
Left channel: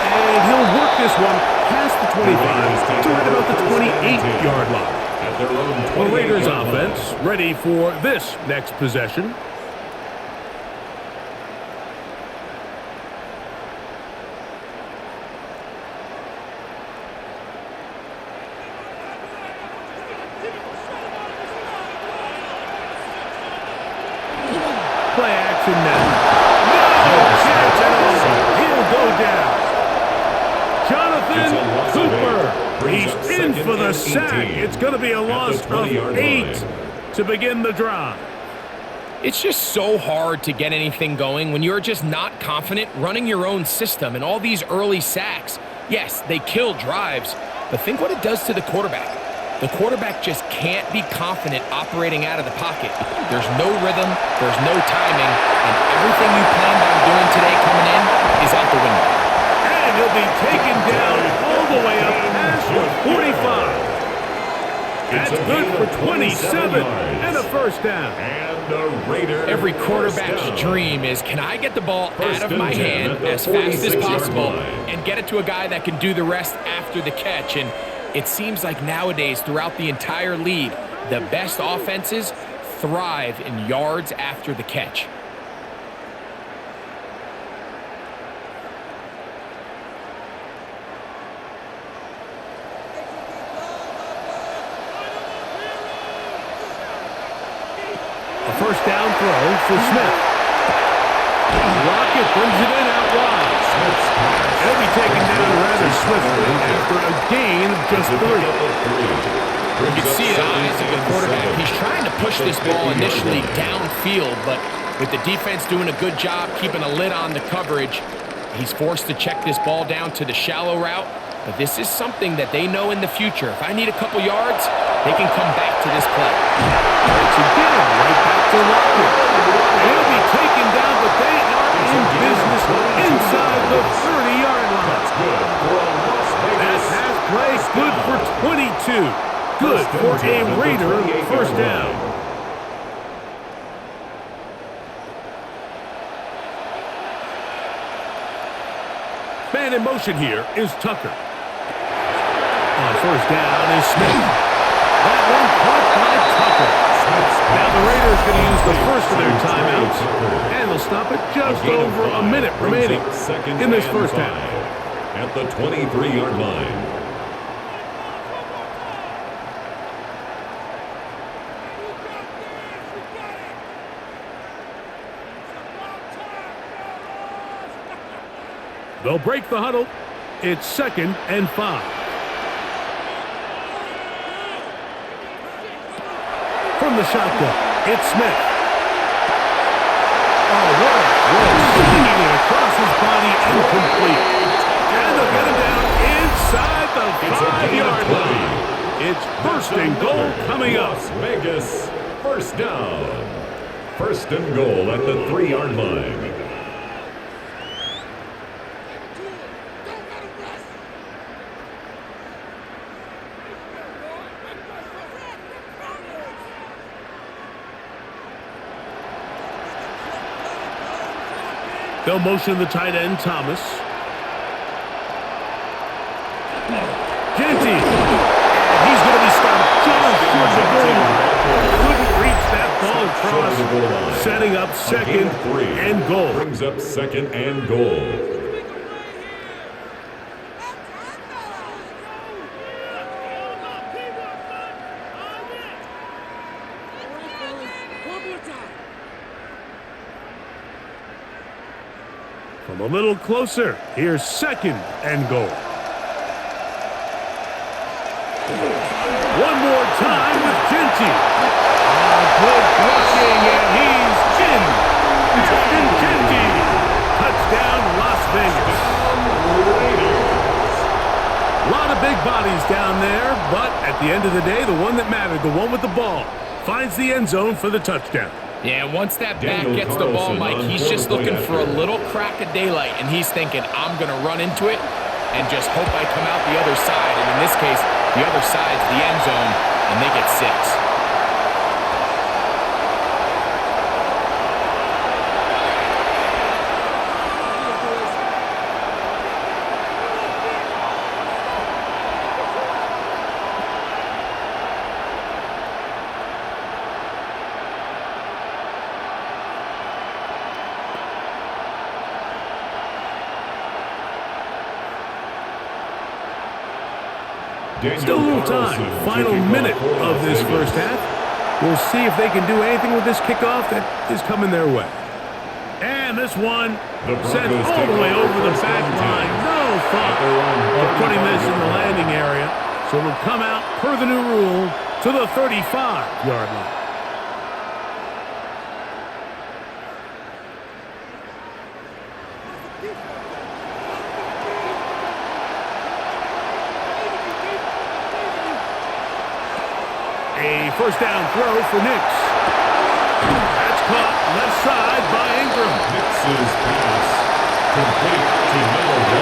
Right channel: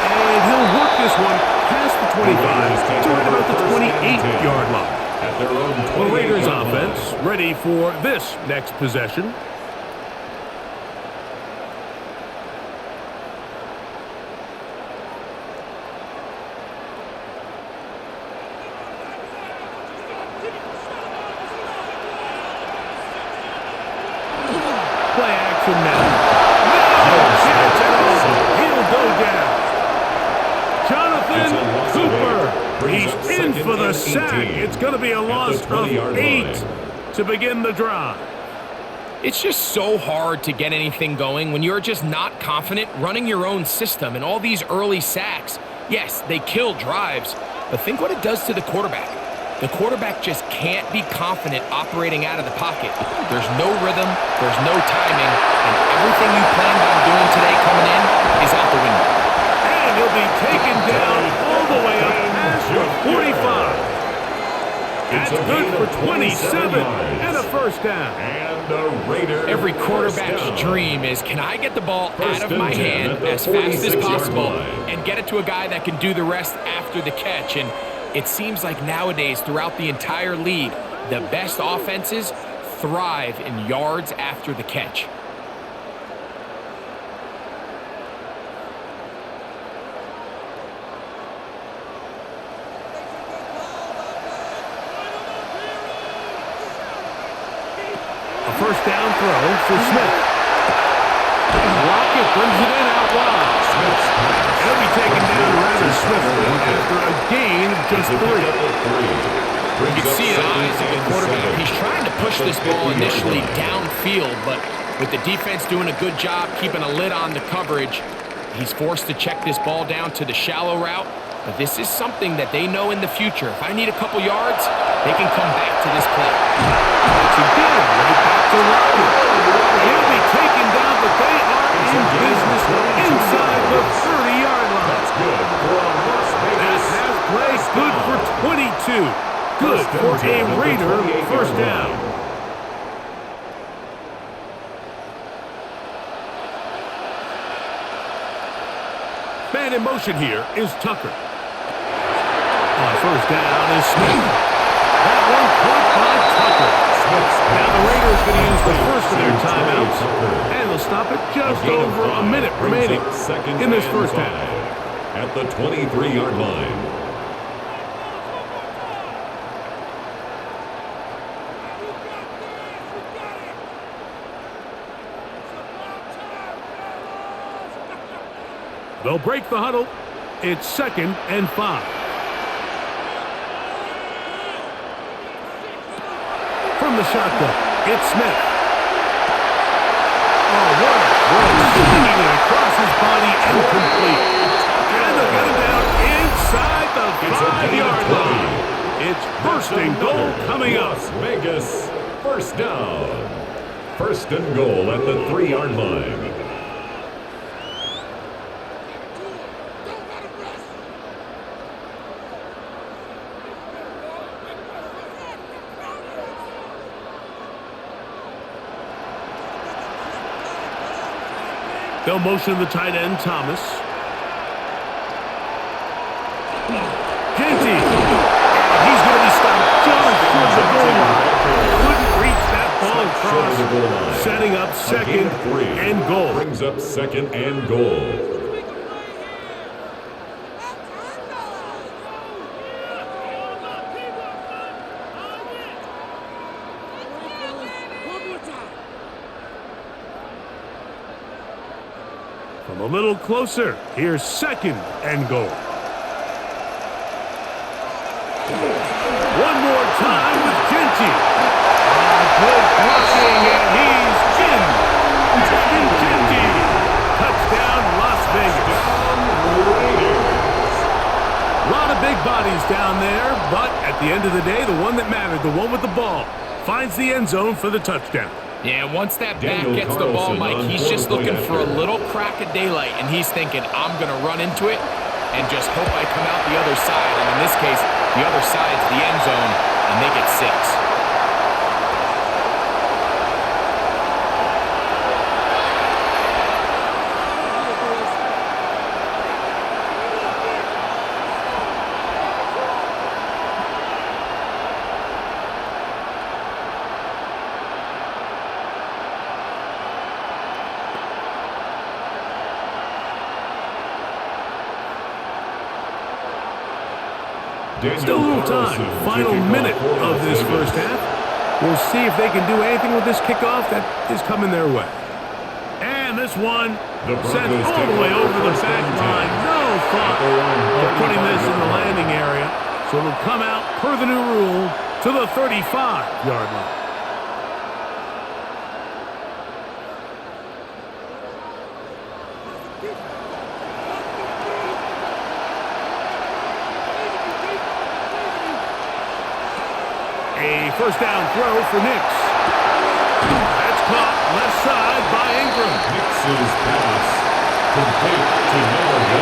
And he'll work this one past the 25 to right about the 28-yard line. At their own The Raiders offense ready for this next possession. Play action now. No chance at all. He'll go down. Jonathan Cooper. He's in for the sack. It's going to be a loss of 8 to begin the drive. It's just so hard to get anything going when you're just not confident running your own system. And all these early sacks, yes, they kill drives, but think what it does to the quarterback. The quarterback just can't be confident operating out of the pocket. There's no rhythm, there's no timing, and everything you planned on doing today coming in is out the window. And he'll be taken down all the way up past the 45. That's good for 27 and a first down. And the Raiders. Every quarterback's dream is, can I get the ball out of my hand as fast as possible and get it to a guy that can do the rest after the catch? And it seems like nowadays, throughout the entire league, the best offenses thrive in yards after the catch. A first down throw for Smith. Lockett brings it in out wide. It'll be taken down rather swiftly after a gain of just 3. You can see the eyes of the quarterback. He's trying to push this ball initially downfield, but with the defense doing a good job keeping a lid on the coverage, he's forced to check this ball down to the shallow route. But this is something that they know in the future. If I need a couple yards, they can come back to this play. Once again, right back to Lockett. And he'll be taken down, but they are in business inside the 30-yard line. That's good for a Las Vegas. That has play good for 22. Good for a Raider first down. Man in motion here is Tucker. On first down is Smith. That one caught by Tucker. Now the Raiders going to use the first of their timeouts, and they'll stop it just over a minute remaining in this first half. At the 23-yard line. They'll break the huddle. It's 2nd and 5. From the shotgun, it's Smith. Oh, what a throw. Swinging it across his body and complete. And they'll get him down inside the 5-yard line. It's first and goal coming up. Las Vegas, first down. First and goal at the 3-yard line. They'll motion the tight end, Thomas. Genty. And he's going to be stopped just short of the goal line. Couldn't reach that ball across. Setting up 2nd and goal. Brings up 2nd and goal. From a little closer, here's 2nd and goal. One more time with Genty. Good blocking, and he's in. Ashton Genty. Touchdown, Las Vegas. Raiders. A lot of big bodies down there, but at the end of the day, the one that mattered, the one with the ball, finds the end zone for the touchdown. Yeah, once that back gets the ball, Mike, he's just looking for a little crack of daylight, and he's thinking, I'm going to run into it and just hope I come out the other side. And in this case, the other side's the end zone, and they get 6. Still a little time. Final minute of this first half. We'll see if they can do anything with this kickoff that is coming their way. And this one sent all the way over the back line. No thought of putting this in the landing area. So it'll come out per the new rule to the 35-yard line. A first down throw for Nix. That's caught left side by Ingram. Nix's pass complete to number 1,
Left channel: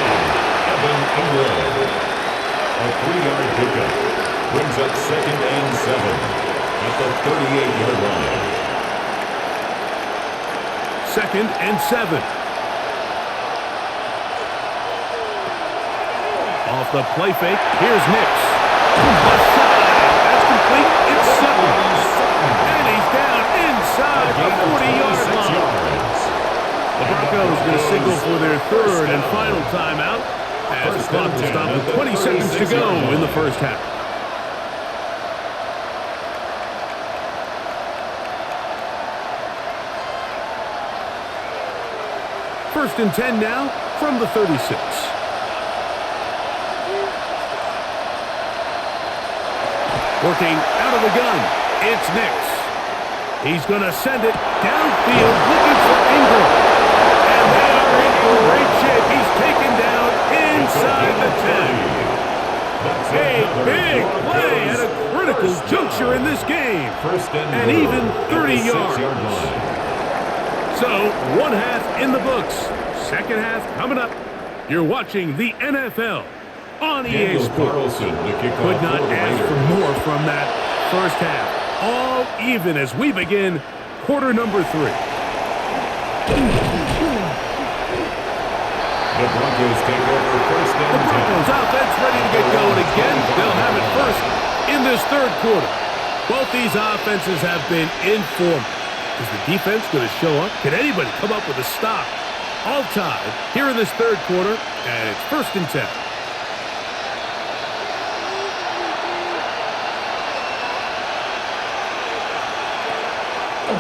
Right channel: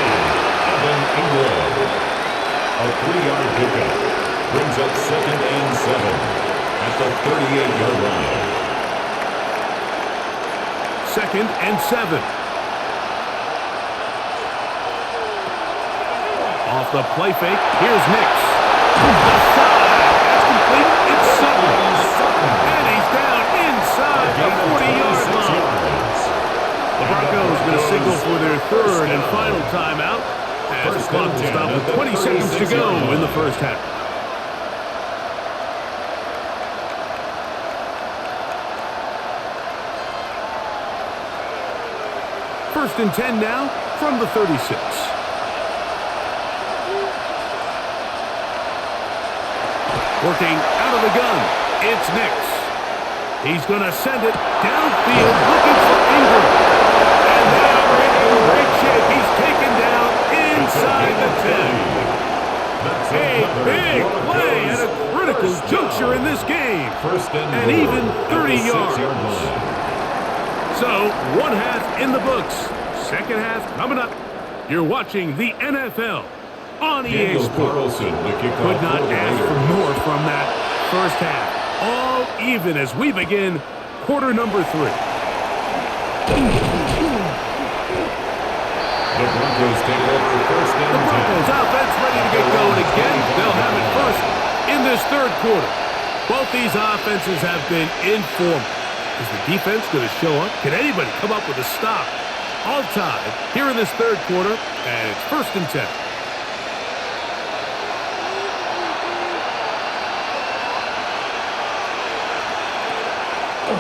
Evan Ingram. A 3-yard pickup brings up 2nd and 7 at the 38-yard line. 2nd and 7. Off the play fake, here's Nix. Left side. It's Sutton. And he's down inside the 40-yard line. The Broncos going to signal for their 3rd and final timeout as the clock will stop with 20 seconds to go in the first half. First and 10 now from the 36. Working out of the gun, it's Nix. He's going to send it downfield looking for Ingram. And they are in great shape. He's taken down inside the 10. A big play at a critical juncture in this game. And even 30 yards. So, one half in the books. Second half coming up. You're watching the NFL on EA Sports. Could not ask for more from that first half. All even as we begin quarter number 3. The Broncos take over first and 10. The Broncos offense ready to get going again. They'll have it first in this third quarter. Both these offenses have been in form. Is the defense going to show up? Can anybody come up with a stop? All tied here in this third quarter, and it's first and 10.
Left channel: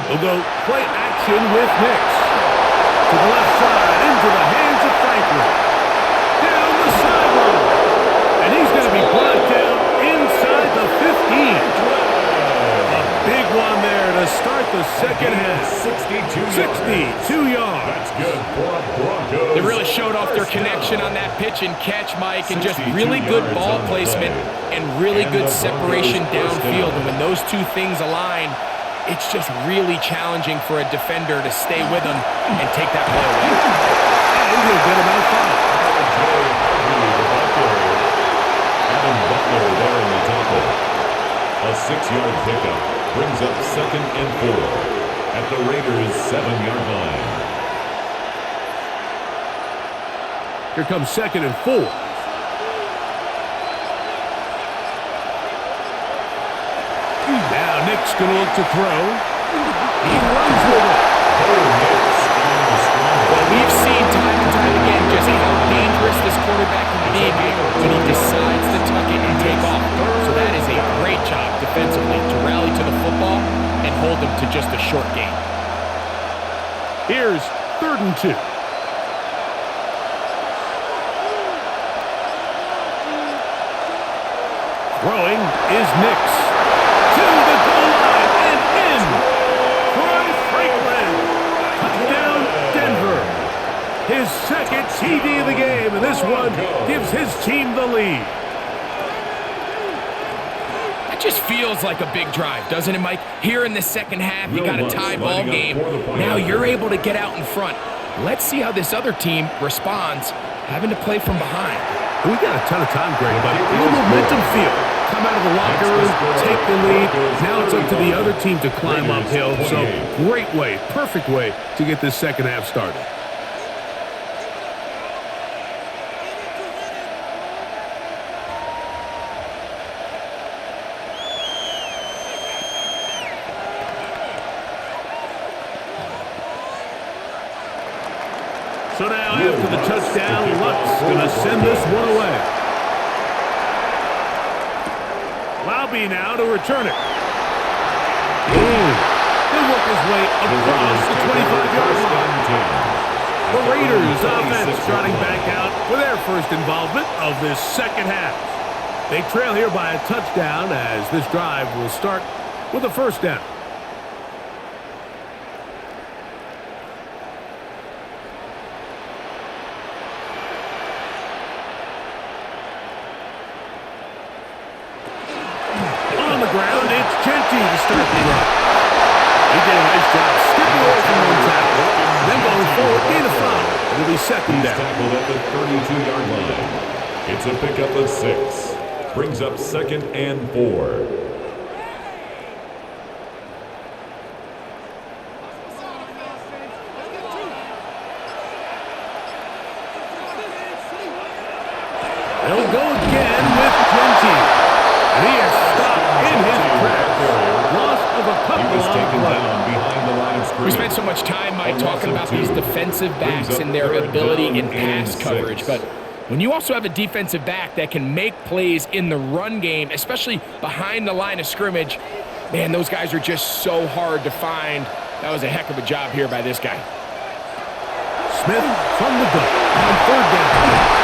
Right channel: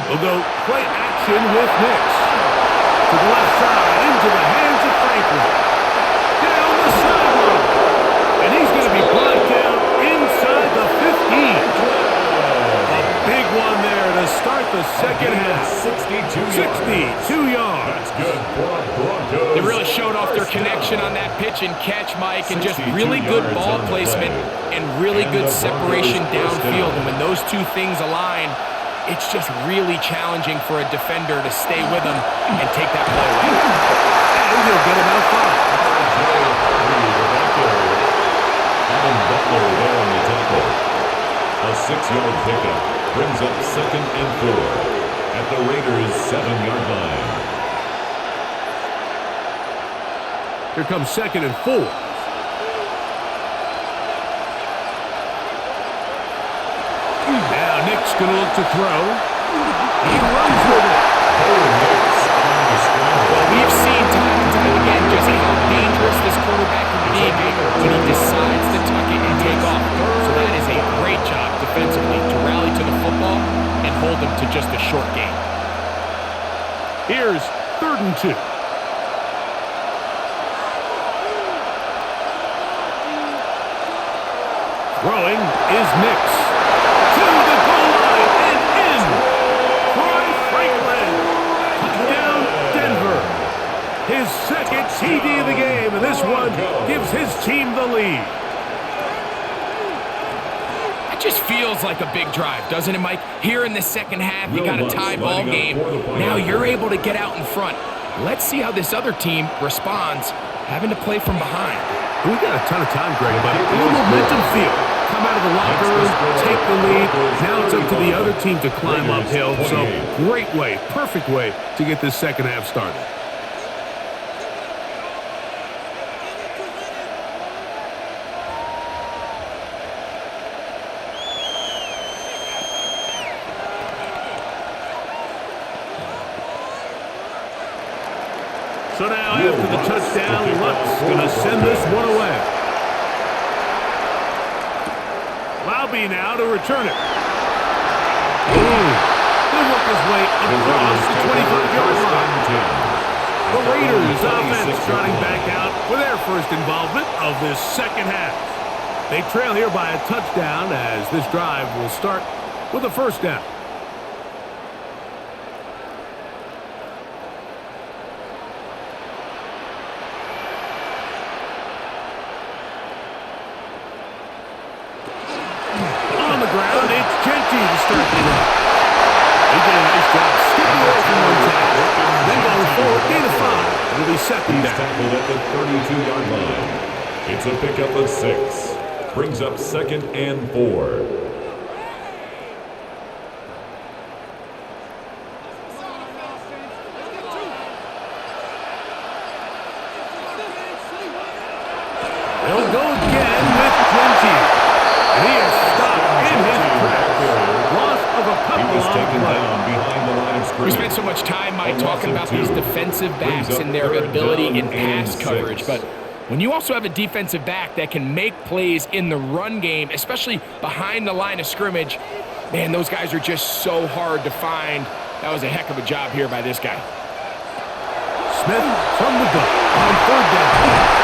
We'll go play action with Nix. To the left side, into the hands of Franklin. Down the sideline. And he's going to be brought down inside the 15. A big one there to start the second half. 62 yards. That's good for a Broncos. They really showed off their connection on that pitch and catch, Mike, and just really good ball placement and really good separation downfield. And when those two things align, it's just really challenging for a defender to stay with him and take that play away. And he'll get about 5. R.J. Harvey, the ball carrier. Adam Butler there on the tackle. A 6-yard pickup brings up second and 4 at the Raiders' 7-yard line. Here comes second and 4. Now Nick's going to look to throw. He runs with it. Nick's on the scramble. Well, we've seen time and time again just how dangerous this quarterback can be, Mike, when he decides to tuck it and take off. So that is a great job defensively to rally to the football and hold them to just a short gain. Here's third and 2. Throwing is Nix. To the goal line and in. Troy Franklin. Touchdown, Denver. His second TD of the game, and this one gives his team the lead. That just feels like a big drive, doesn't it, Mike? Here in the second half, you got a tie ball game. Now you're able to get out in front. Let's see how this other team responds, having to play from behind. We got a ton of time, Greg, but a little momentum feel. Come out of the locker room, take the lead. Now it's up to the other team to climb uphill. So great way, perfect way to get this second half started. So now after the touchdown, Luck's going to send this one away. Laube now to return it. He'll work his way across the 25-yard line. The Raiders offense starting back out for their first involvement of this second half. They trail here by a touchdown as this drive will start with a first down. On the ground, it's Genty to start the drive. He did a nice job skipping away from one tackle, then going forward, gain of 5. It'll be second down. He's tackled at the 32-yard line. It's a pickup of 6. Brings up second and 4. They'll go again with Genty. And he is stopped in his tracks. Loss of a couple on the play. Behind the line of scrimmage. We spent so much time, Mike, talking about these defensive backs and their ability in pass coverage. But when you also have a defensive back that can make plays in the run game, especially behind the line of scrimmage, man, those guys are just so hard to find. That was a heck of a job here by this guy. Smith from the gun on third down.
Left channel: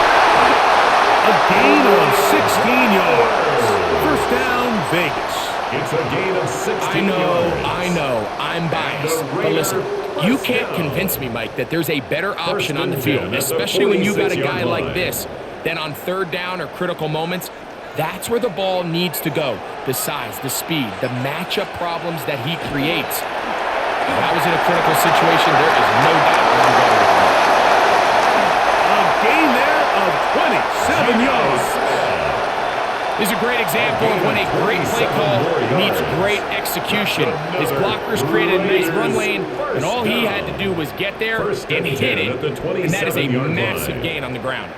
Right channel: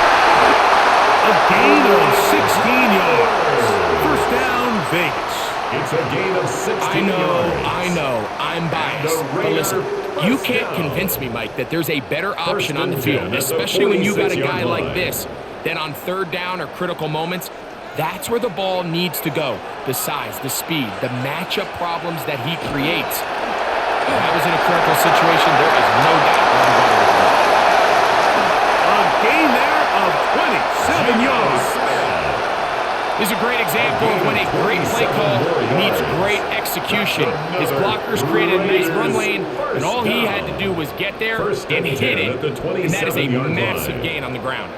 A gain of 16 yards. First down, Vegas. It's a gain of 16 yards. I know. I'm biased. But listen, you can't convince me, Mike, that there's a better option on the field, especially when you got a guy like this, than on third down or critical moments. That's where the ball needs to go. The size, the speed, the matchup problems that he creates. If I was in a critical situation, there is no doubt where I'm going with the ball. A gain there of 27 yards. This is a great example of when a great play call meets great execution. His blockers created a nice run lane, and all he had to do was get there and hit it, and that is a massive gain on the ground.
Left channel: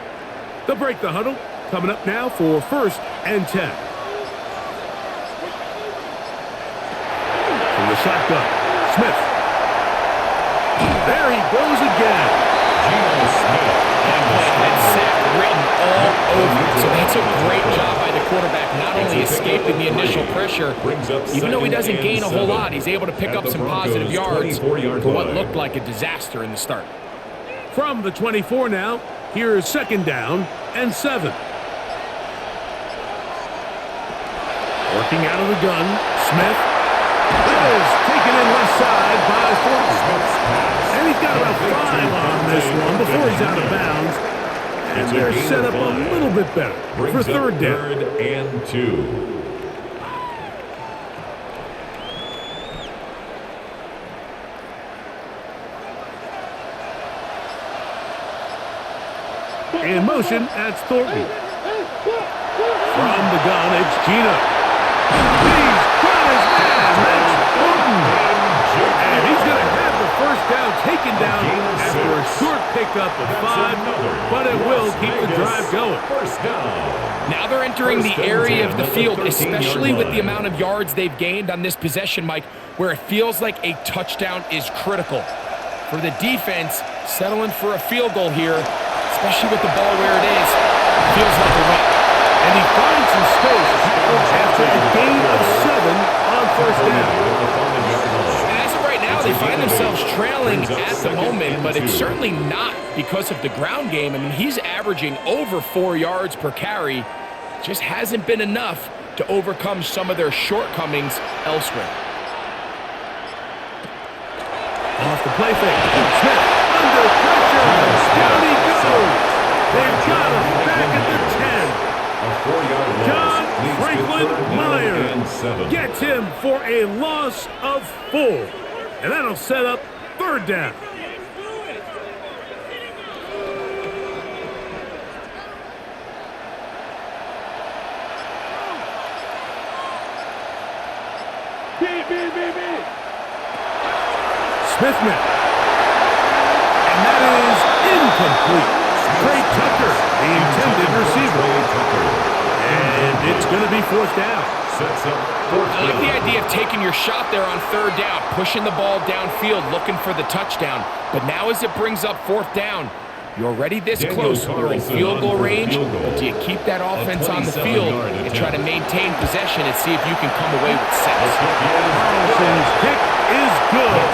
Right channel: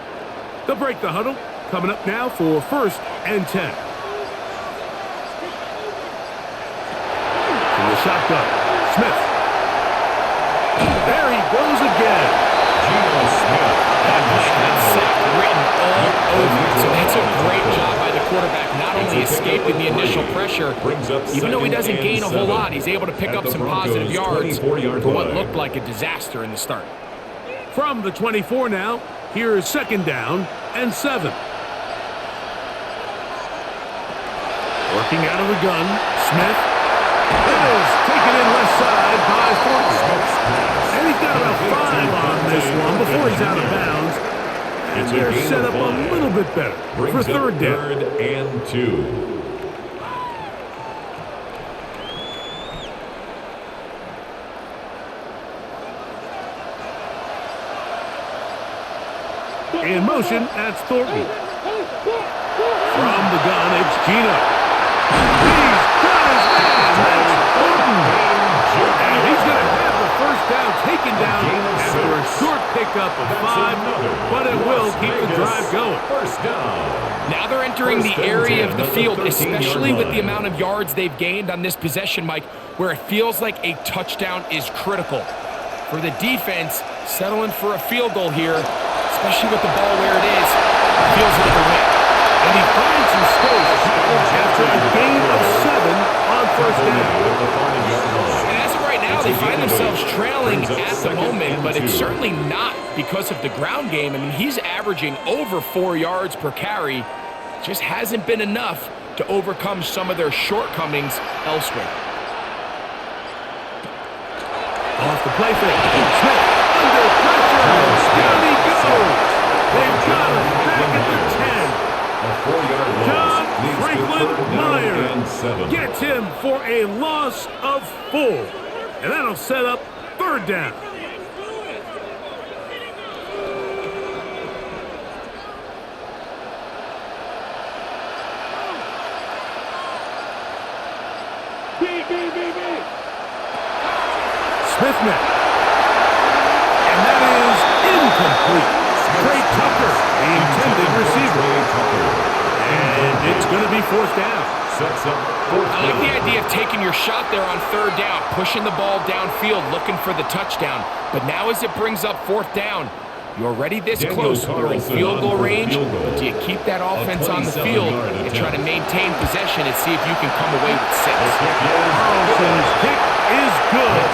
They'll break the huddle. Coming up now for 1st and 10. From the shotgun, Smith. There he goes again. Geno Smith. That play had sack written all over it, so that's a great job by the quarterback, not only escaping the initial pressure, even though he doesn't gain a whole lot, he's able to pick up some positive yards for what looked like a disaster in the start. From the 24 now, here's 2nd down and 7. Working out of the gun, Smith. That is taken in left side by Thornton. And he's got about 5 on this one before he's out of bounds. And they're set up a little bit better for 3rd down. 3rd and 2. In motion, that's Thornton. From the gun, it's Geno. He's got his man, that's Thornton. And he's going to have the 1st down taken down after a short pickup of 5, but it will keep the drive going. 1st down. Now they're entering the area of the field, especially with the amount of yards they've gained on this possession, Mike, where it feels like a touchdown is critical. For the defense, settling for a field goal here, especially with the ball where it is, feels like a win. And he finds some space after a gain of 7 on 1st down. And as of right now, they find themselves trailing at the moment, but it's certainly not because of the ground game. I mean, he's averaging over 4 yards per carry. Just hasn't been enough to overcome some of their shortcomings elsewhere. Off the play fake. Smith under pressure, and down he goes. They've got him back at the 10. A 4-yard loss. John leads Franklin to 3rd Meyer and 7. gets him for a loss of 4. And that'll set up 3rd down. Smith now. And that is incomplete. Trey Tucker, the intended receiver. And it's going to be 4th down. Sets up 4th I like the idea of taking your shot there on 3rd down, pushing the ball downfield, looking for the touchdown. But now as it brings up 4th down, you're already this close. You're in field goal range, but do you keep that offense on the field and try to maintain possession and see if you can come away with 6? Carlson's kick is good.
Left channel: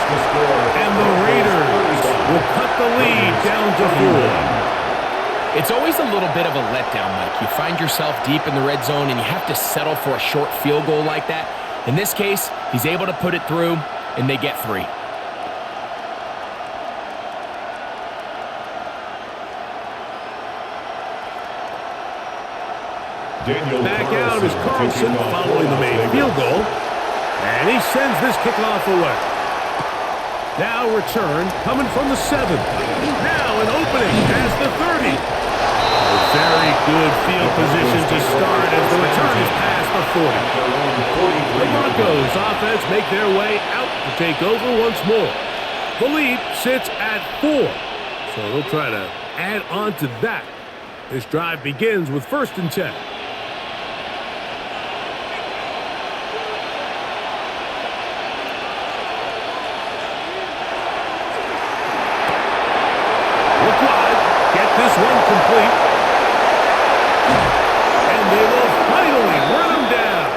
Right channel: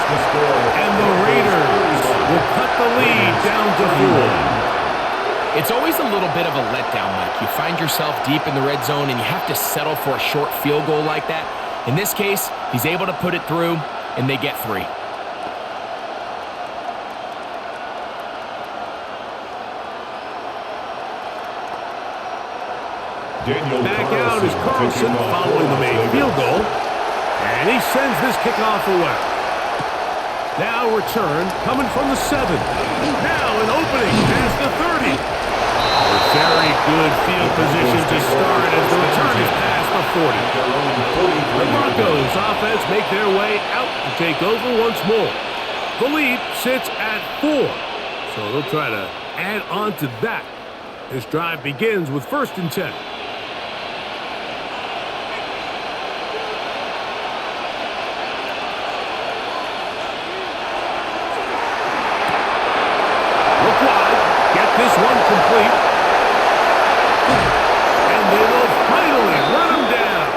And the Raiders will cut the lead down to 4. It's always a little bit of a letdown, Mike. You find yourself deep in the red zone and you have to settle for a short field goal like that. In this case, he's able to put it through, and they get 3. Back out is Carlson following the made field goal. And he sends this kickoff away. Now return coming from the 7. Now an opening past the 30. A very good field position to start as the return is past the 40. The Broncos offense make their way out to take over once more. The lead sits at 4. So they'll try to add on to that. This drive begins with 1st and 10. Look wide, get this one complete. And they will finally run him down.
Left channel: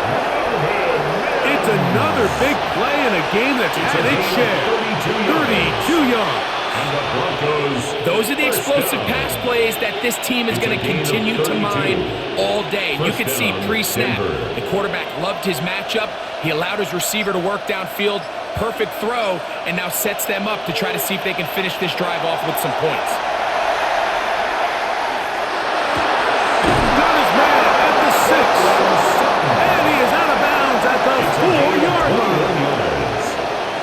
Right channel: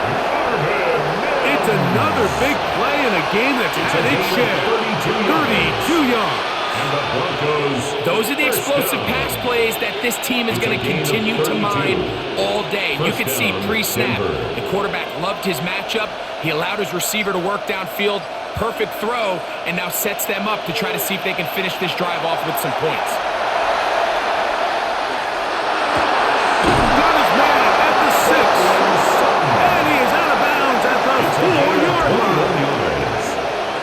It's another big play in a game that's had its share. 32 yards. And the Broncos. Those are the explosive pass plays that this team is going to continue to mine all day. You could see pre-snap, the quarterback loved his matchup. He allowed his receiver to work downfield. Perfect throw, and now sets them up to try to see if they can finish this drive off with some points. Got his man at the 6. And he is out of bounds at the 4-yard line.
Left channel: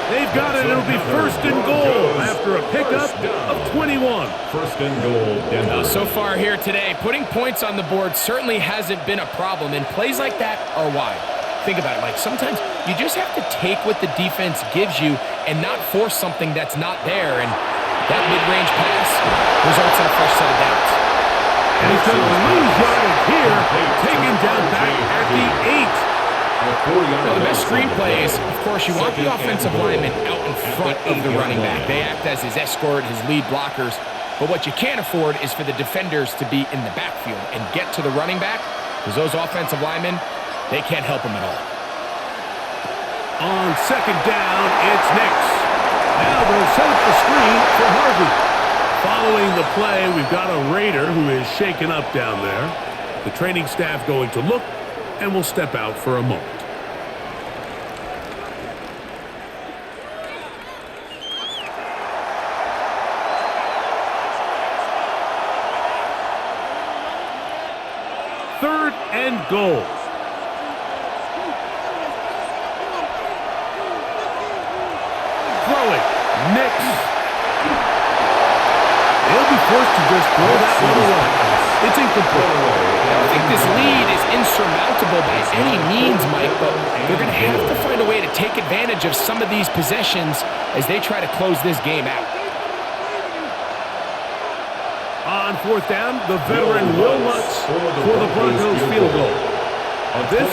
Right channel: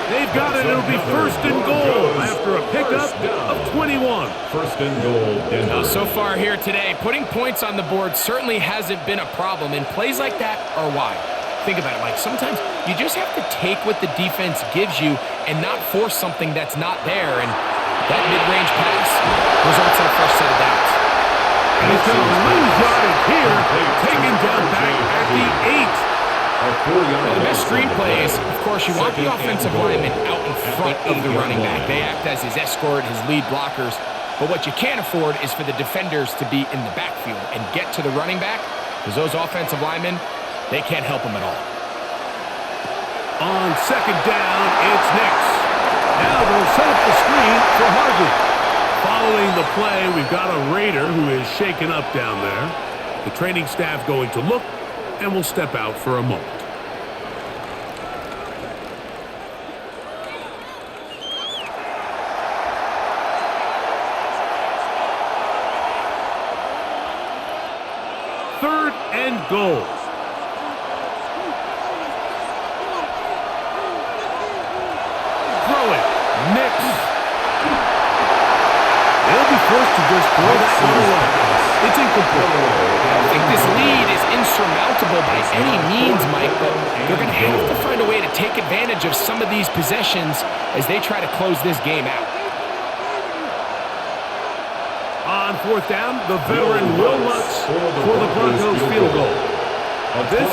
They've got it. It'll be first and goal after a pickup of 21. First and goal, Denver. So far here today, putting points on the board certainly hasn't been a problem, and plays like that are why. Think about it, Mike. Sometimes you just have to take what the defense gives you and not force something that's not there, and that mid-range pass results in a fresh set of downs. And he's going to lose yardage here, taken down back at the 8. Well, the best screenplay is, of course, you want the offensive lineman out in front of the running back. They act as his escort, his lead blockers. But what you can't afford is for the defenders to be in the backfield and get to the running back, because those offensive linemen, they can't help him at all. On second down, it's Nix. Now they'll set up the screen for Harvey. Following the play, we've got a Raider who is shaken up down there. The training staff going to look and will step out for a moment. Third and goal. Throw it. Nix. They'll be forced to just throw that one away. It's incomplete. I don't think this lead is insurmountable by any means, Mike, but they're going to have to find a way to take advantage of some of these possessions as they try to close this game out. On fourth down, the veteran Will Lutz for the Broncos field goal. This,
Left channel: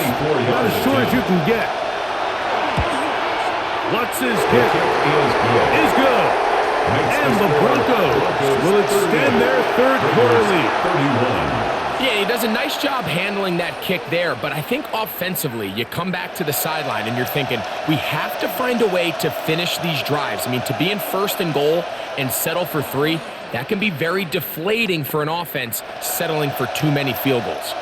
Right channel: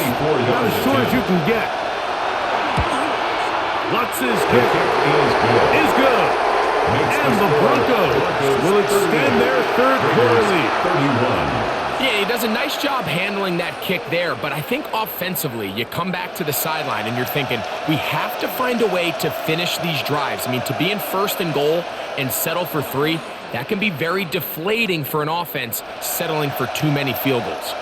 about as short as you can get. Lutz's kick is good. And the Broncos will extend their third quarter lead. 31. Yeah, he does a nice job handling that kick there, but I think offensively, you come back to the sideline and you're thinking, we have to find a way to finish these drives. I mean, to be in first and goal and settle for 3, that can be very deflating for an offense settling for too many field goals.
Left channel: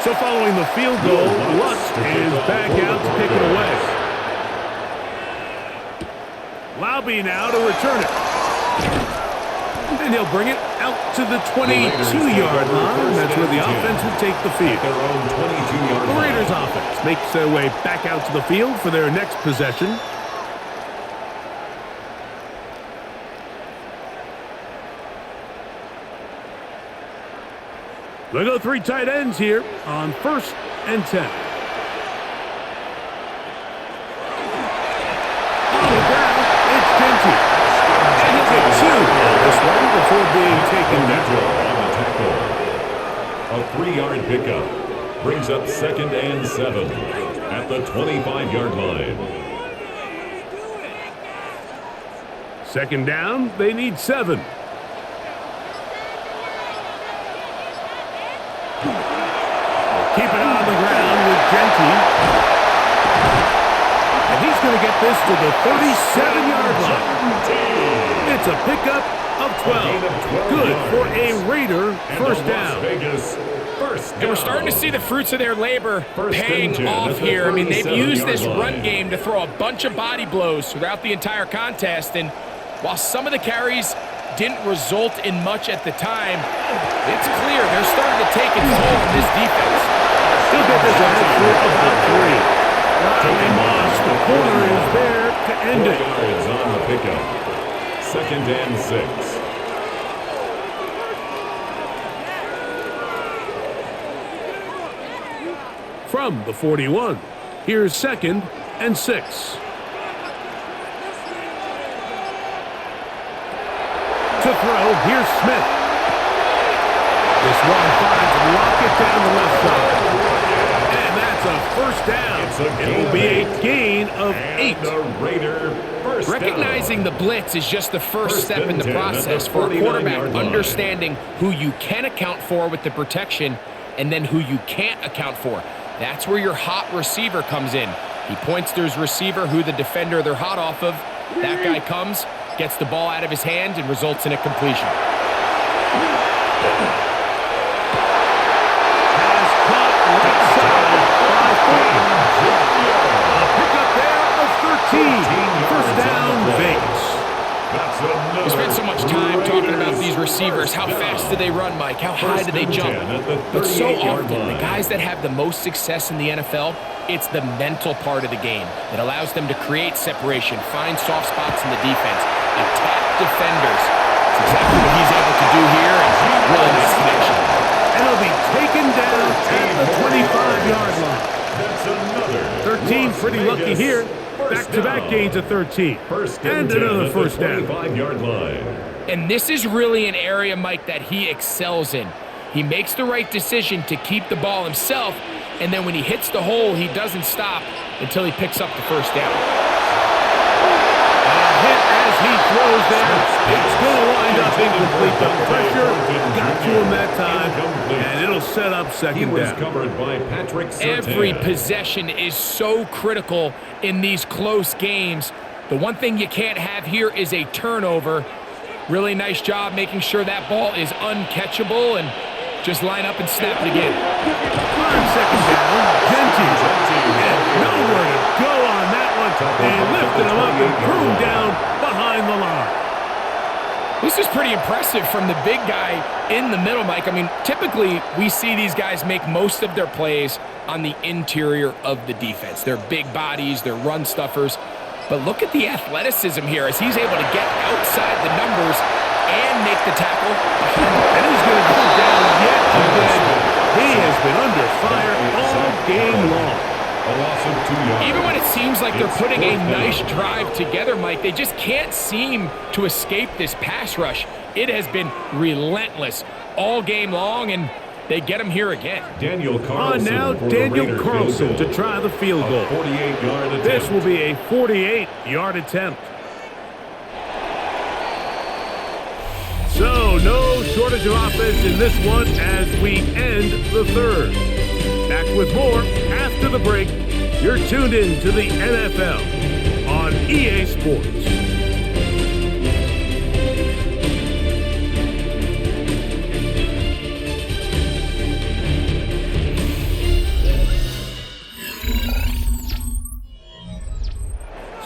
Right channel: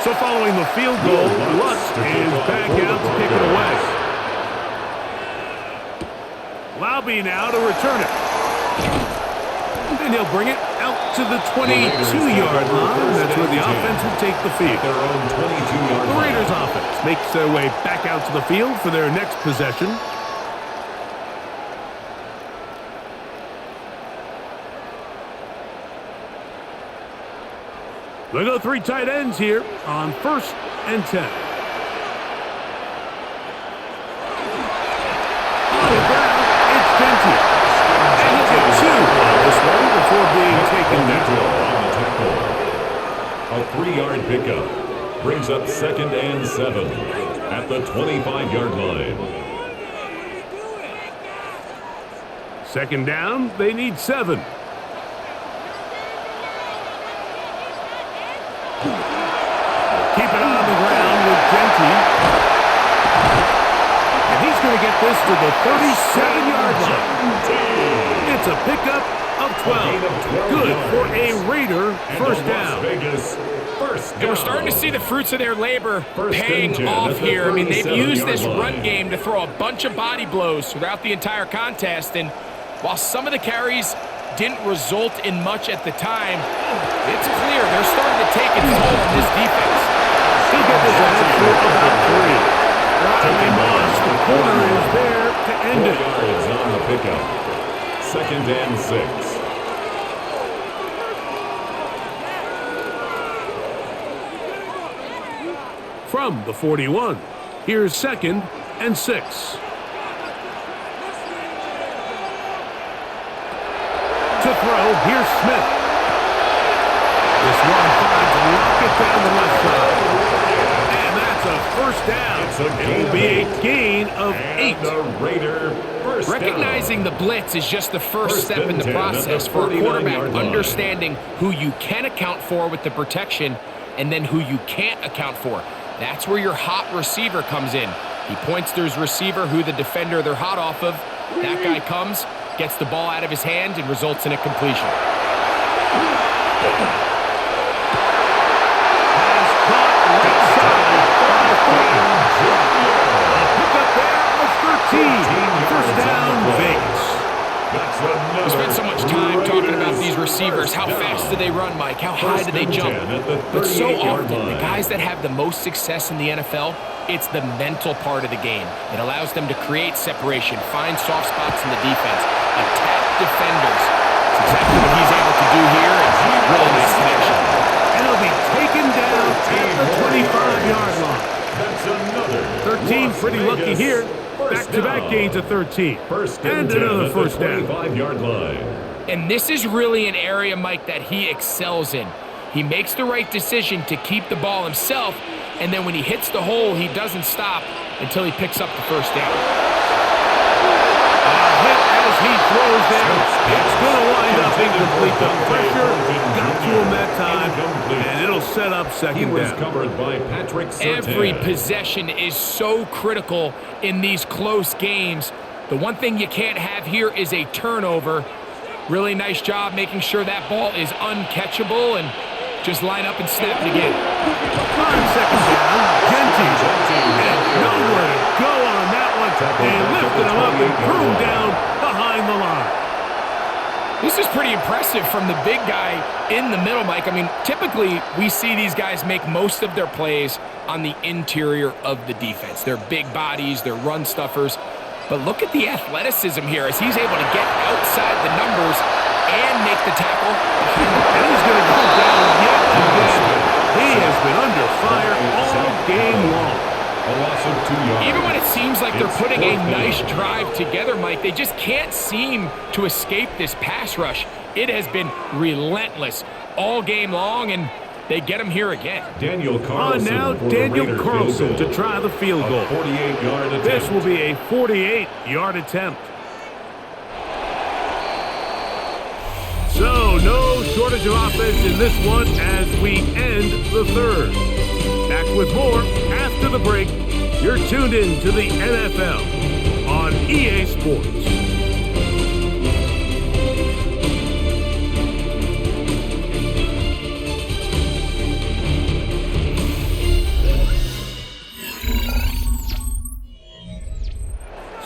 So following the field goal, Lutz is back out to kick it away. Laube now to return it. And he'll bring it out to the 22-yard line. That's where the offense will take the field. Their own 22-yard the Raiders offense makes their way back out to the field for their next possession. They'll go 3 tight ends here on 1st and 10. On the ground, it's Genty. And he'll get 2 on this one before being taken down. On the tackle. A 3-yard pickup brings up 2nd and 7 at the 25-yard line. 2nd down, they need 7. Keep it on the ground with Genty. And he's going to get this to the 37-yard line. It's a pickup of 12. Good for a Raider first down. And we're starting to see the fruits of their labor paying off here. I mean, they've used this run game to throw a bunch of body blows throughout the entire contest. And while some of the carries didn't result in much at the time, it's clear they're starting to take its toll on this defense. He'll get this ahead for about 3. Riley Moss, the corner, is there to end it. 4 yards on the pickup. 2nd and 6. From the 41, here's 2nd and 6. To throw, here's Smith. This one finds Lockett down the left side. And that's a first down. It will be a gain of 8. The Raider first Recognizing down. the blitz is just the first step in the process for a quarterback, understanding who you can account for with the protection and then who you can't account for. That's where your hot receiver comes in. He points to his receiver, who the defender they're hot off of. That guy comes, gets the ball out of his hand, and results in a completion. Has caught right side by Thornton. A pickup there of 13. First down, Vegas. That's another. We spent so much time talking about Raiders these receivers. first How fast down. do they run, Mike? How high First do they and jump? 10 at the But so 38-yard often, the line. guys that have the most success in the NFL, it's the mental part of the game. It allows them to create separation, find soft spots in the defense, attack defenders. It's exactly what he's able to do here, and really nice connection. And it'll be taken down at the 25-yard line. That's another. 13, Las pretty lucky Vegas here. first Back-to-back down. gains of 13. First and 10 another at first the down. 25-yard line. And this is really an area, Mike, that he excels in. He makes the right decision to keep the ball himself, and then when he hits the hole, he doesn't stop until he picks up the first down. A hit as he throws there. It's going to wind up incomplete. The pressure got to him that time, and it'll set up He second was down. covered by Patrick Surtain. Every possession is so critical in these close games. The one thing you can't have here is a turnover. Really nice job making sure that ball is uncatchable, and just line up and snap it again. On second down, Genty. And nowhere to go on that one. They lifted him up and threw him down behind the line. This is pretty impressive from the big guy in the middle, Mike. I mean, typically we see these guys make most of their plays on the interior of the defense. They're big bodies, they're run stuffers. But look at the athleticism here as he's able to get outside the numbers and make the tackle behind the. And he's going to go down yet again. He has been under fire all game long. A loss of 2 yards. Even when it seems like they're It's putting a fourth down. nice drive together, Mike, they just can't seem to escape this pass rush. It has been relentless all game long, and they get him here again. Daniel On Carlson now, for the Daniel Raider Carlson field to goal. try the field goal. A 48-yard attempt. This will be a 48-yard attempt. So, no shortage of offense in this one as we end the third. Back with more after the break. You're tuned in to the NFL on EA Sports.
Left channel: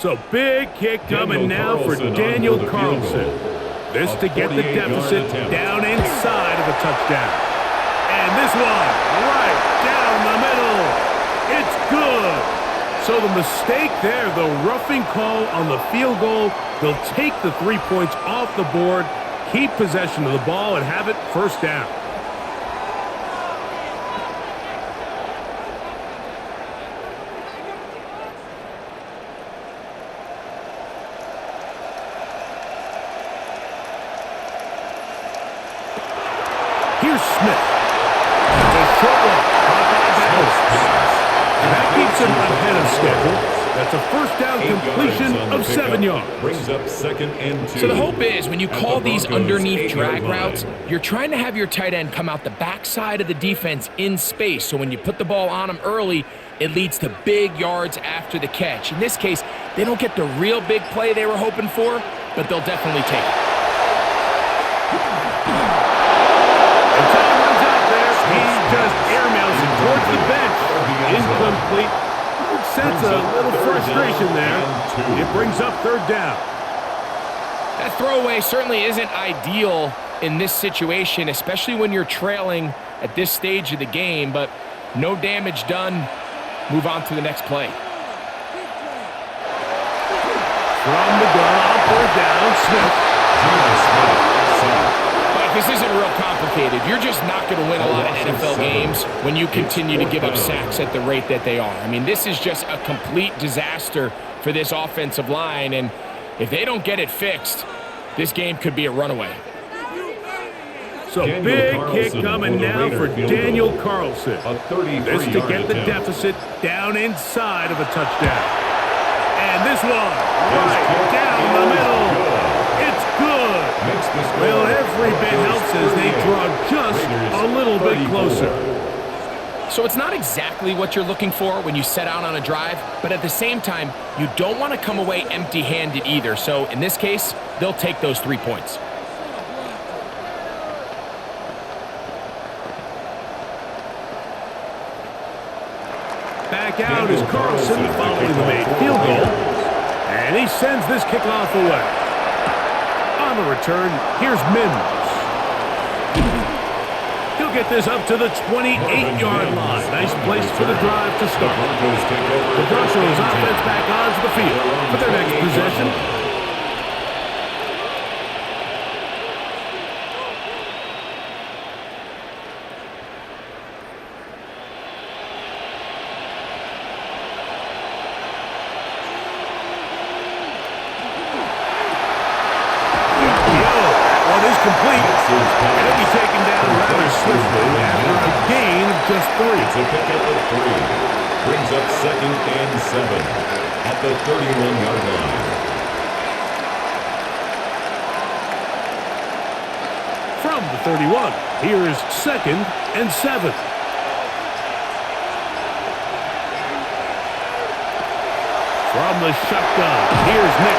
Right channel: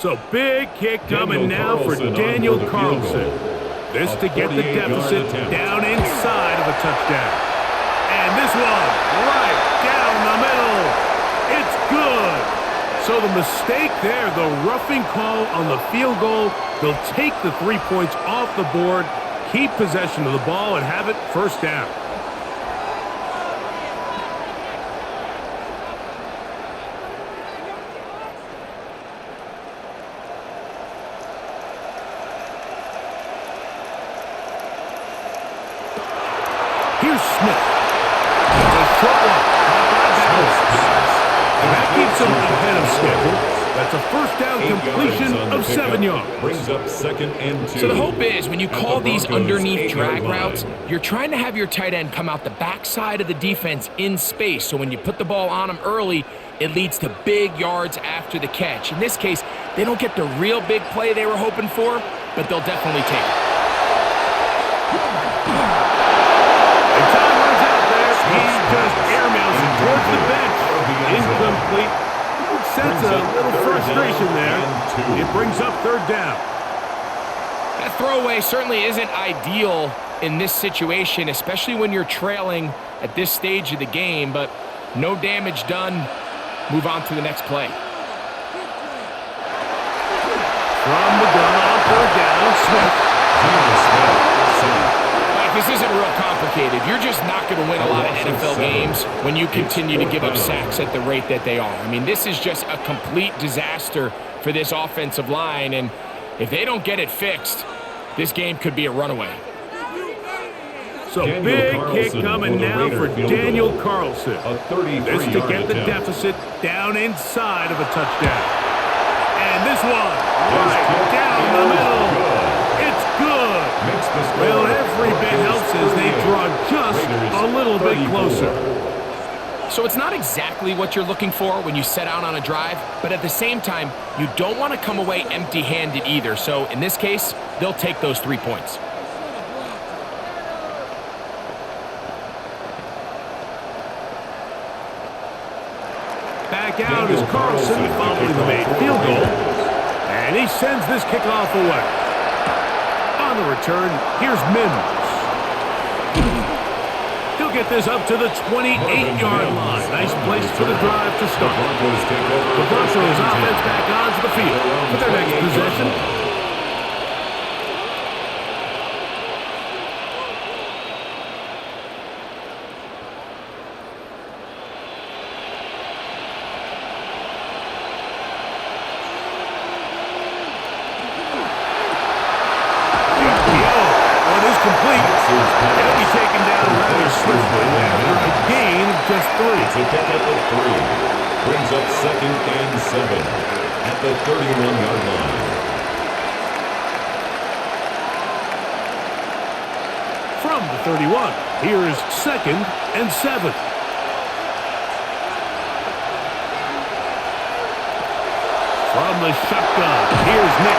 So, big kick coming now for Daniel Carlson. This to get the deficit down inside of a touchdown. And this one, right down the middle. It's good. So the mistake there, the roughing call on the field goal, they'll take the 3 points off the board, keep possession of the ball, and have it first down. Here's Smith. That's a short one, caught by Bowers. And that keeps him ahead of schedule. That's a first down completion of 7 yards. Brings up second and 2. So the hope is when you call these Broncos' underneath 8-yard drag line. routes, you're trying to have your tight end come out the backside of the defense in space. So when you put the ball on him early, it leads to big yards after the catch. In this case, they don't get the real big play they were hoping for, but they'll definitely take it. And time runs out there. He just airmails it towards the bench. Incomplete. You can sense a little frustration there. It brings up third down. That throwaway certainly isn't ideal in this situation, especially when you're trailing at this stage of the game, but no damage done. Move on to the next play. From the gun on third down, Smith. Geno Smith, center. Mike, this isn't real complicated. You're just not going to win a lot of NFL games when you continue to give up sacks at the rate that they are. I mean, this is just a complete disaster for this offensive line, and if they don't get it fixed, this game could be a runaway. So Daniel big Carlson kick coming for the now Raider for field Daniel goal. Carlson. A 33-yard This to get the attempt. deficit down inside of a touchdown. And this one, His right kick down the is middle. good. It's good. Makes the score. Well, every bit Broncos helps as they 38, draw just Raiders a little bit 34. closer. So it's not exactly what you're looking for when you set out on a drive, but at the same time, you don't want to come away empty-handed either. So in this case, they'll take those 3 points. Back out is Carlson following the made field goal. And he sends this kickoff away. On the return, here's Mims. He'll get this up to the 28-yard line. Nice place for the drive to start. The Broncos offense back onto the field for their next possession. The RPO. One is complete. It'll be taken down rather swiftly after a gain of just 3. It's a pickup of 3. Brings up 2nd and 7 at the 31-yard line. From the 31, here's 2nd and 7. From the shotgun, here's Nix.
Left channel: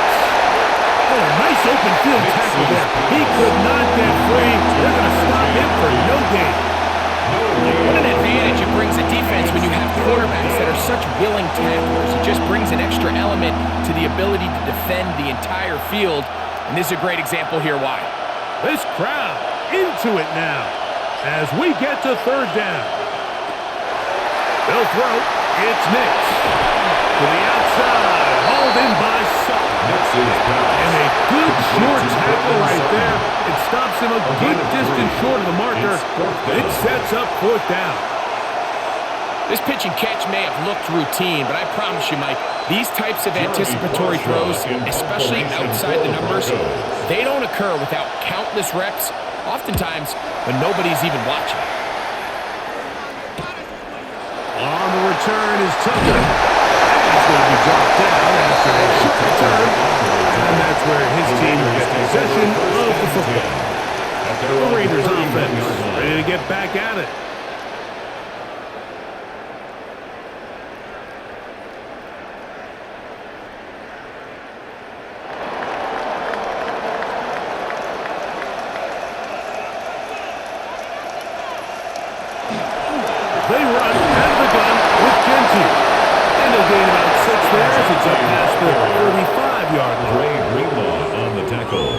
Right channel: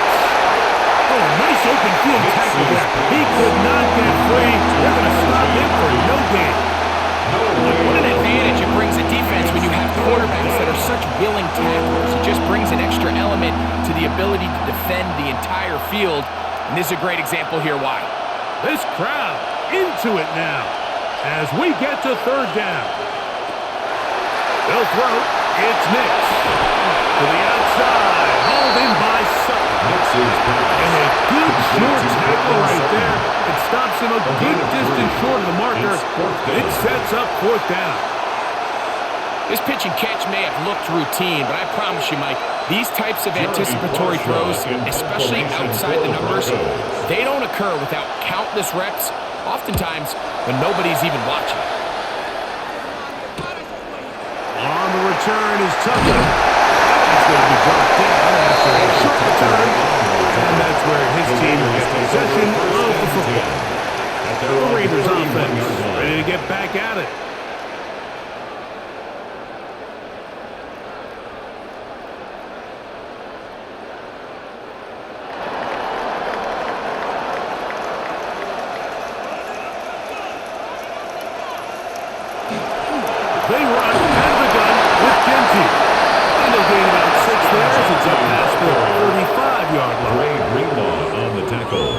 Oh, nice open field tackle there. He could not get free. They're going to stop him for no gain. What an advantage it brings a defense when you have quarterbacks that are such willing tacklers. It just brings an extra element to the ability to defend the entire field. And this is a great example here why. This crowd into it now as we get to 3rd down. They'll throw. It's Nix. To the outside. Hauled in by Sutton. And a good short tackle right there. It stops him a good distance short of the marker. It sets up 4th down. This pitch and catch may have looked routine, but I promise you, Mike, these types of anticipatory throws, especially outside the numbers, they don't occur without countless reps, oftentimes when nobody's even watching. On the return is Tucker. Going to be brought down after a short return, and that's where his team will get possession of the football. The Raiders offense ready to get back at it. They run out of the gun with Genty. And he'll gain about 6 there as it's up past the 35-yard line. Ray Greenlaw on the tackle.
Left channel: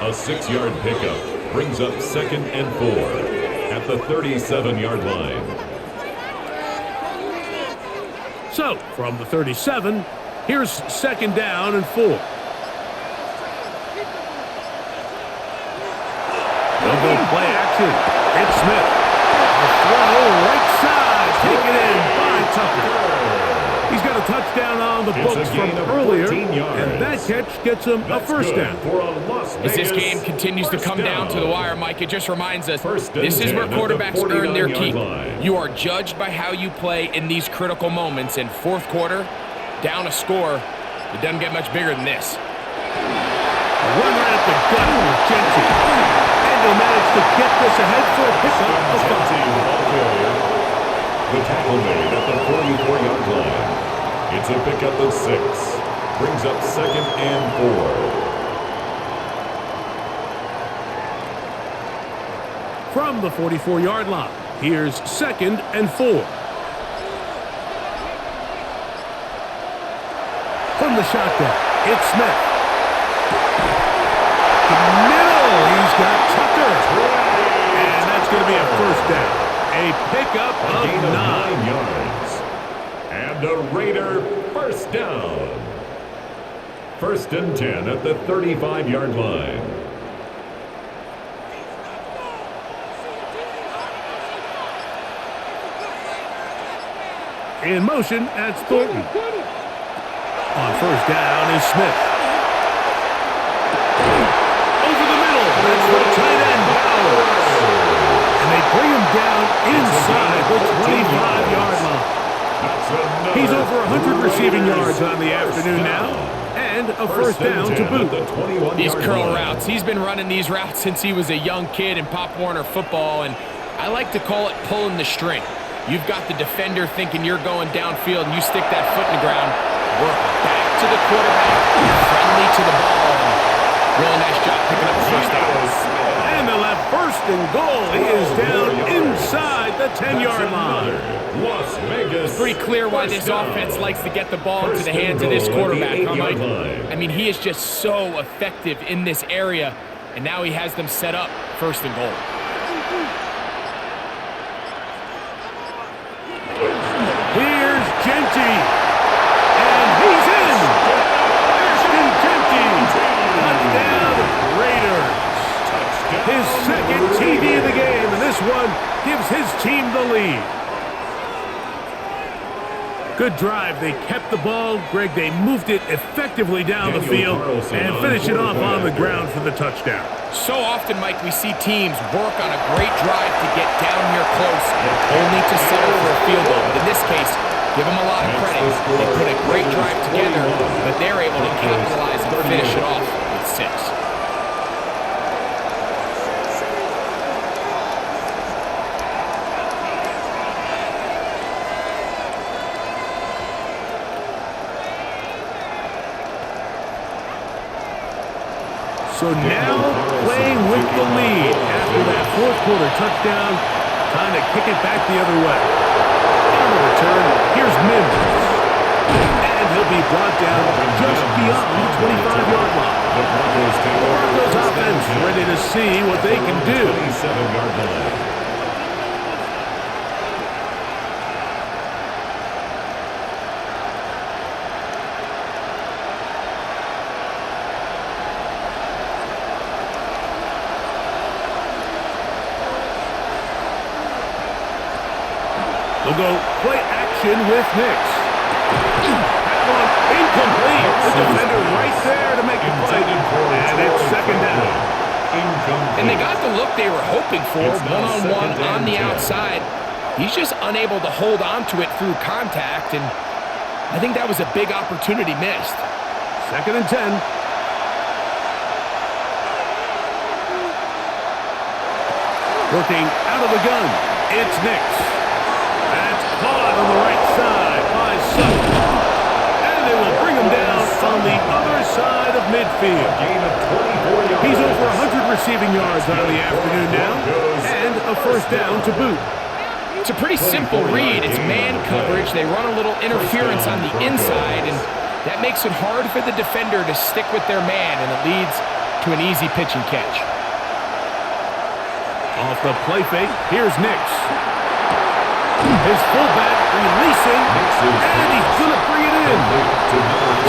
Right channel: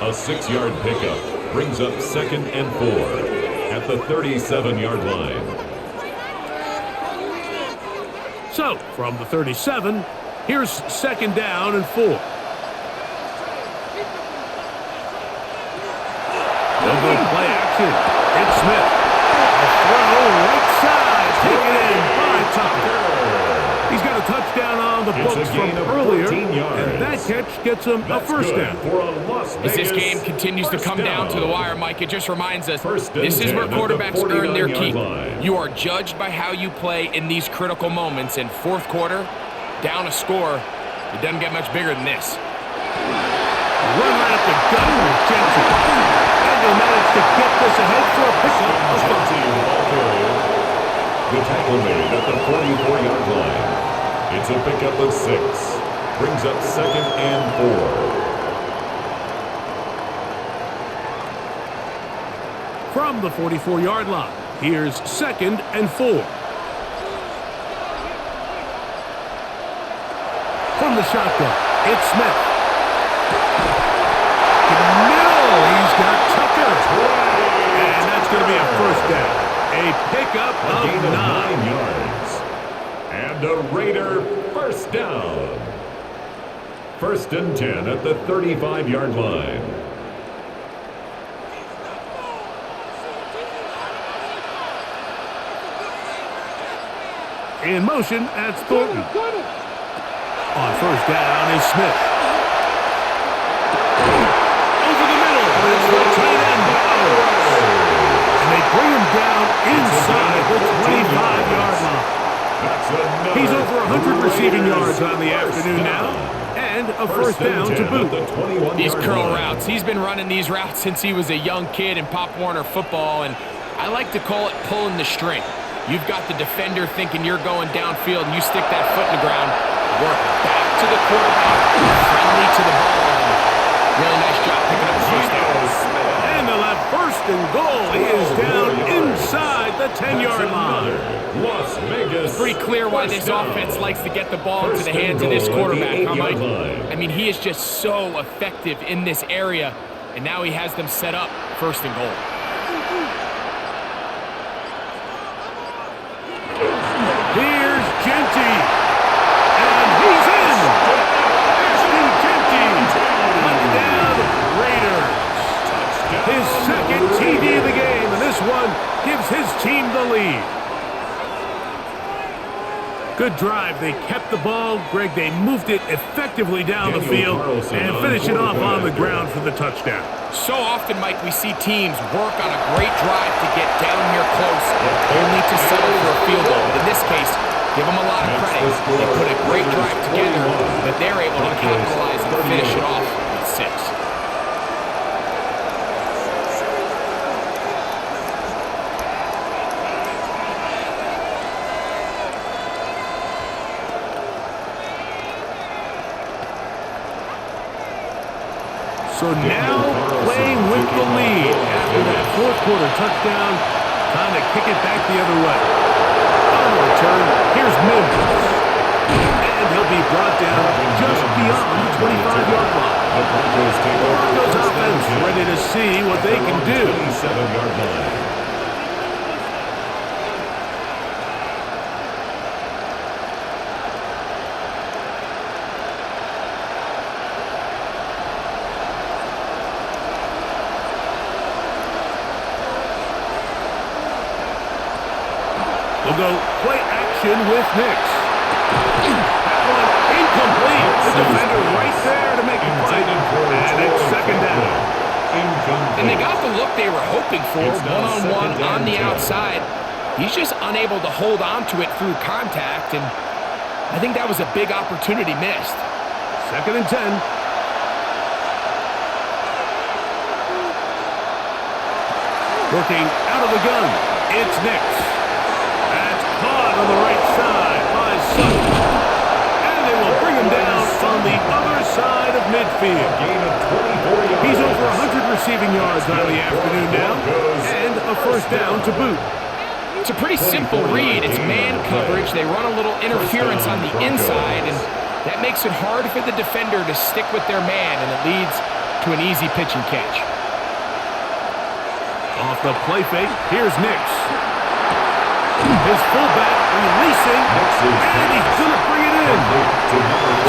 A 6-yard pickup brings up 2nd and 4 at the 37-yard line. So, from the 37, here's 2nd down and 4. They'll go play action. It's Smith. A throw right side. Taken in by Tucker. He's got a touchdown on the books from earlier, and that catch gets him a 1st down. As this game continues to come down to the wire, Mike, it just reminds us this is where quarterbacks earn their keep. You are judged by how you play in these critical moments. In 4th quarter, down a score, it doesn't get much bigger than this. Run right up the gut with Genty. And he'll manage to get this ahead for a pickup of 5. The tackle made at the 44-yard line. It's a pickup of 6. Brings up 2nd and 4. From the 44-yard line, here's 2nd and 4. From the shotgun, it's Smith. Middle, he's got Tucker. And that's going to be a 1st down. A pickup of 9 yards. And a Raider 1st down. 1st and 10 at the 35-yard line. In motion, that's Thornton. On 1st down is Smith. Over the middle, that's the tight end, Bowers. And they bring him down inside the 25-yard line. He's over 100 receiving yards on the afternoon now, and a 1st down to boot. These curl routes, he's been running these routes since he was a young kid in Pop Warner football, and I like to call it pulling the string. You've got the defender thinking you're going downfield, and you stick that foot in the ground, work back to the quarterback, friendly to the ball, and really nice job picking up the 1st down. And they'll have 1st and goal. He is down inside the 10-yard line. Vegas. It's pretty clear why this offense likes to get the ball into the hands of this quarterback, huh, Mike? I mean, he is just so effective in this area, and now he has them set up 1st and goal. Here's Genty, and he's in. Ashton Genty, touchdown Raiders. His second TD of the game, and this one gives his team the lead. Good drive. They kept the ball. Greg, they moved it effectively down the field and finished it off on the ground for the touchdown. So often, Mike, we see teams work on a great drive to get down here close, only to settle for a field goal. But in this case, give them a lot of credit. They put a great drive together, but they're able to capitalize and finish it off with 6. So now playing with the lead after that 4th quarter touchdown, time to kick it back the other way. On the return, here's Mims. And he'll be brought down just beyond the 25-yard line. The Broncos offense ready to see what they can do. 27-yard line. They'll go play action with Nix. That one incomplete. The defender right there to make the play. And it's 2nd down. And they got the look they were hoping for, one-on-one on the outside. He's just unable to hold on to it through contact, and I think that was a big opportunity missed. 2nd and 10. Working out of the gun. It's Nix. That's caught on the right side by Sutton. And they will bring him down on the other side of midfield. A gain of 24 yards. He's over 100 receiving yards on the afternoon now, and a 1st down to boot. It's a pretty simple read. It's man coverage. They run a little interference on the inside, and that makes it hard for the defender to stick with their man, and it leads to an easy pitch and catch. Off the play fake, here's Nix. His fullback releasing, and he's going to bring it in.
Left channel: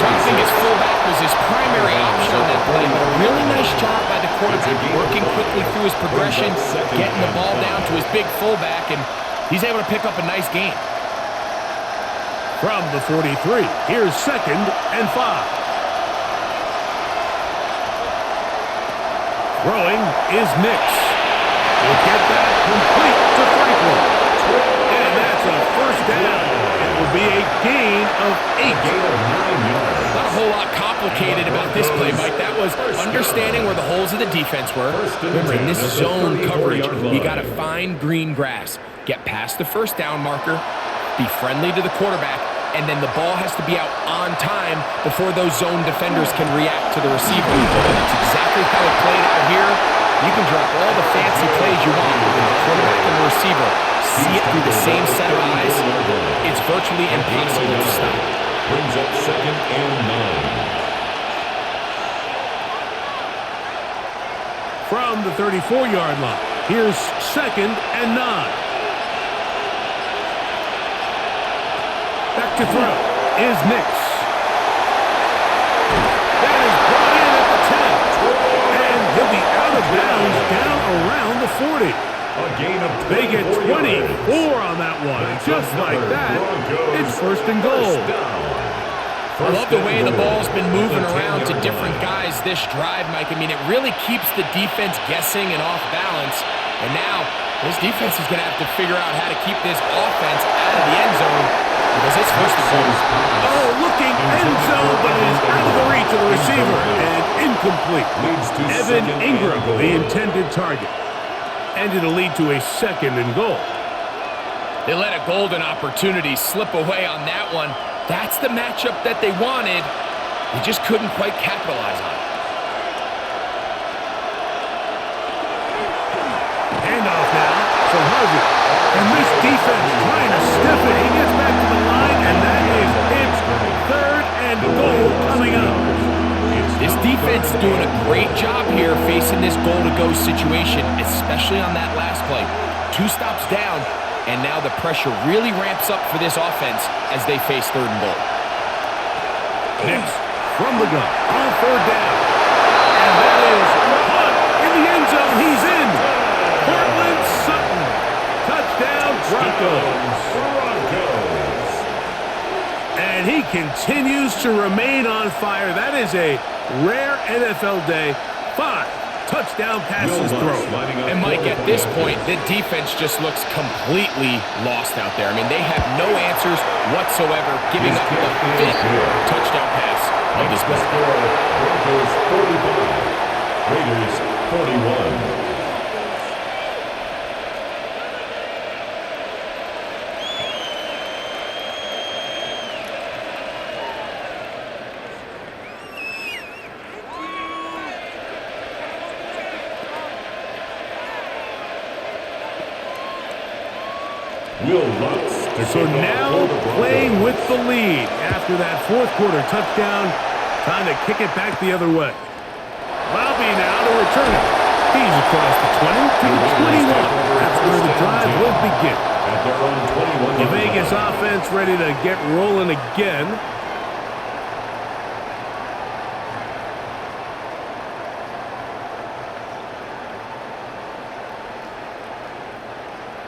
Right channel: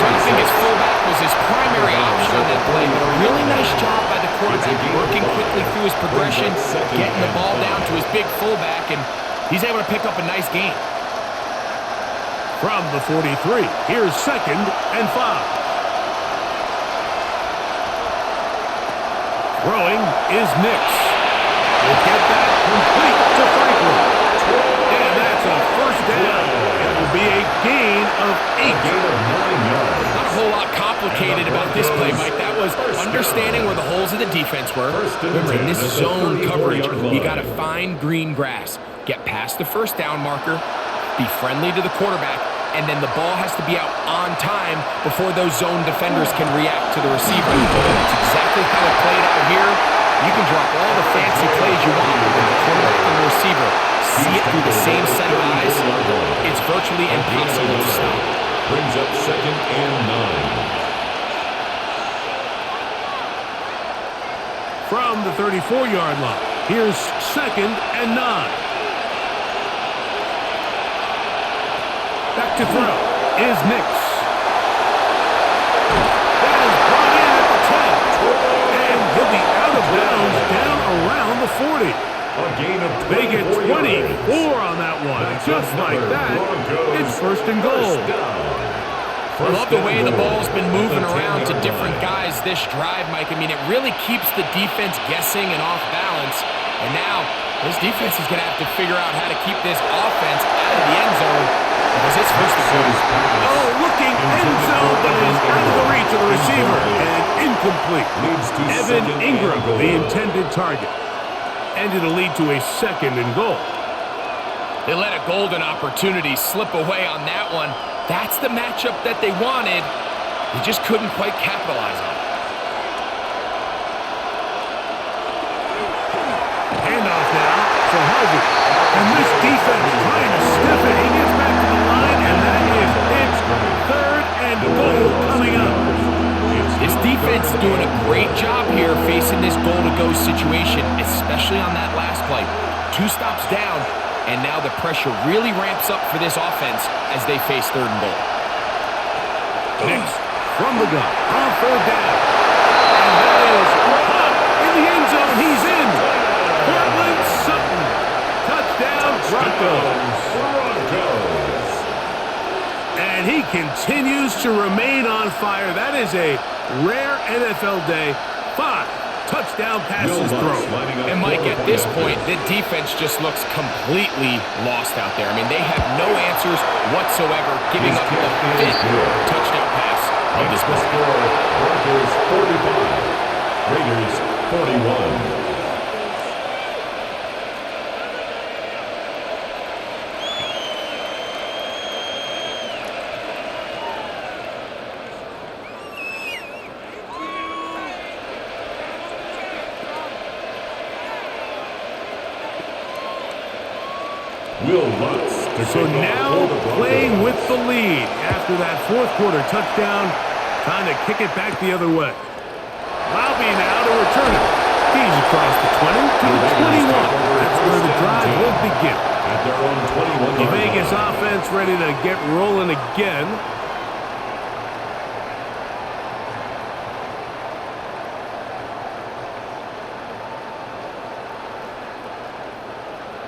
So I think his fullback was his primary option on that play, but a really nice job by the quarterback, working quickly through his progression, getting the ball down to his big fullback, and he's able to pick up a nice gain. From the 43, here's 2nd and 5. Throwing is Nix. He'll get that complete to Franklin. And that's a 1st down. It will be a gain of 8. A gain of 9 yards. Not a whole lot complicated about this play, Mike. That was understanding where the holes of the defense were. Remember, in this zone coverage, you got to find green grass. Get past the 1st down marker, be friendly to the quarterback, and then the ball has to be out on time before those zone defenders can react to the receiver. That's exactly how it played out here. You can drop all the fancy plays you want, but when the quarterback and the receiver see it through the same set of eyes, it's virtually impossible to stop. Brings up 2nd and 9. From the 34-yard line, here's 2nd and 9. Back to throw is Nix. That is brought in at the 10. And he'll be out of bounds down around the 40. A gain of 24 They get 24 yards. on that one. That's just like that, Broncos it's 1st and goal. I love the way the ball's been moving around to different guys this drive, Mike. I mean, it really keeps the defense guessing and off balance. And now, this defense is going to have to figure out how to keep this offense out of the end zone because it's 1st and goal. Oh, looking end zone, but it is out of the reach of the receiver and incomplete. Leads to Evan 2nd Ingram, and goal. the intended target. And it'll lead to a 2nd and goal. They let a golden opportunity slip away on that one. That's the matchup that they wanted. They just couldn't quite capitalize on it. Handoff now for Harvey. And this defense trying to stiff it. He gets back defense is doing a great job here facing this goal-to-go situation, especially on that last play. 2 stops down, and now the pressure really ramps up for this offense as they face 3rd and goal. Next, from the gun, on 3rd down. And that is Hunt in the end zone. He's in. Portland Sutton. Touchdown, Broncos. And he continues to remain on fire. That is a rare NFL day. 5 touchdown passes thrown. And Mike, at this point, the defense just looks completely lost out there. I mean, they have no answers whatsoever, giving up the 5th touchdown pass of this ball. Score, Broncos 45, Raiders 41. So now playing with the lead after that 4th quarter touchdown, time to kick it back the other way. Lobby now to return it. He's across the 20 to the 21. That's where the drive will begin. At their own 21. The Vegas offense ready to get rolling again.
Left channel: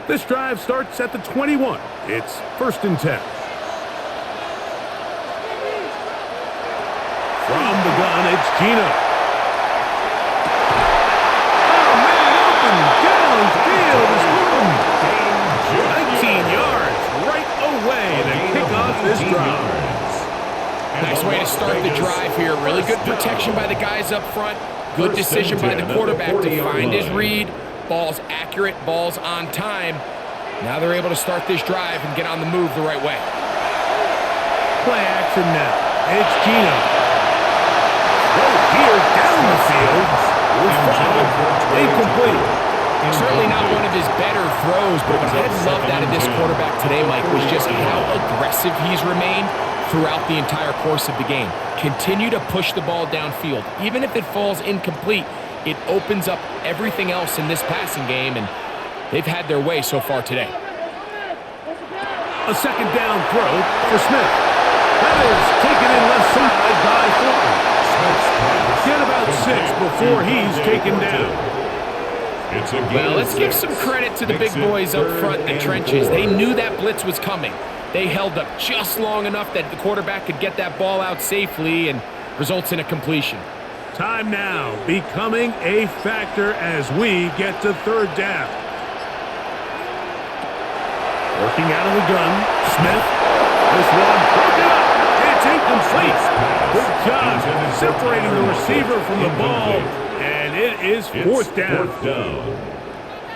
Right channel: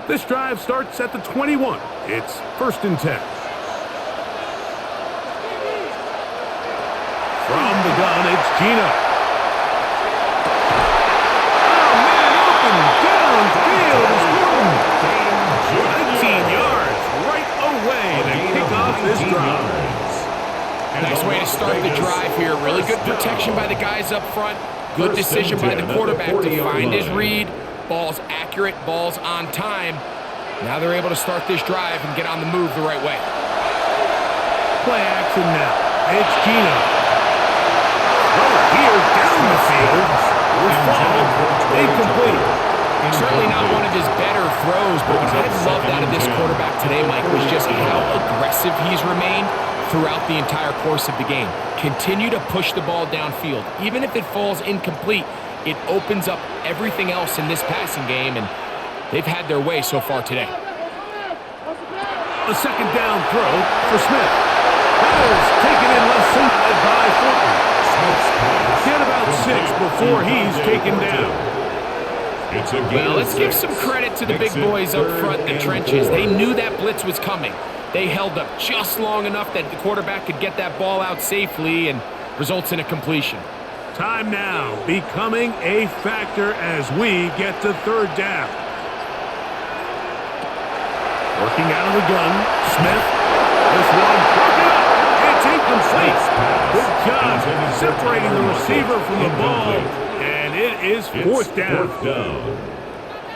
This drive starts at the 21. It's 1st and 10. From the gun, it's Gino. Oh, man, open downfield is Horton. 19 yards right away to kick off this drive. Nice way to start the drive here. Really good protection by the guys up front. Good decision by the quarterback to find his read. Ball's accurate, ball's on time. Now they're able to start this drive and get on the move the right way. Play action now. It's Gino. Throw here down the field. Will fall. Incomplete. Certainly not one of his better throws, but what I've loved out of this quarterback today, Mike, was just how aggressive he's remained throughout the entire course of the game. Continue to push the ball downfield. Even if it falls incomplete, it opens up everything else in this passing game, and they've had their way so far today. A 2nd down throw for Smith. That is taken in left side by Thornton. Get about 6 before he's taken down. Well, let's give some credit to the big boys up front in the trenches. They knew that blitz was coming. They held up just long enough that the quarterback could get that ball out safely and results in a completion. Time now becoming a factor as we get to 3rd down. Working out of the gun, Smith. This one broken up. It's incomplete. Good job separating the receiver from the ball. And it is 4th down.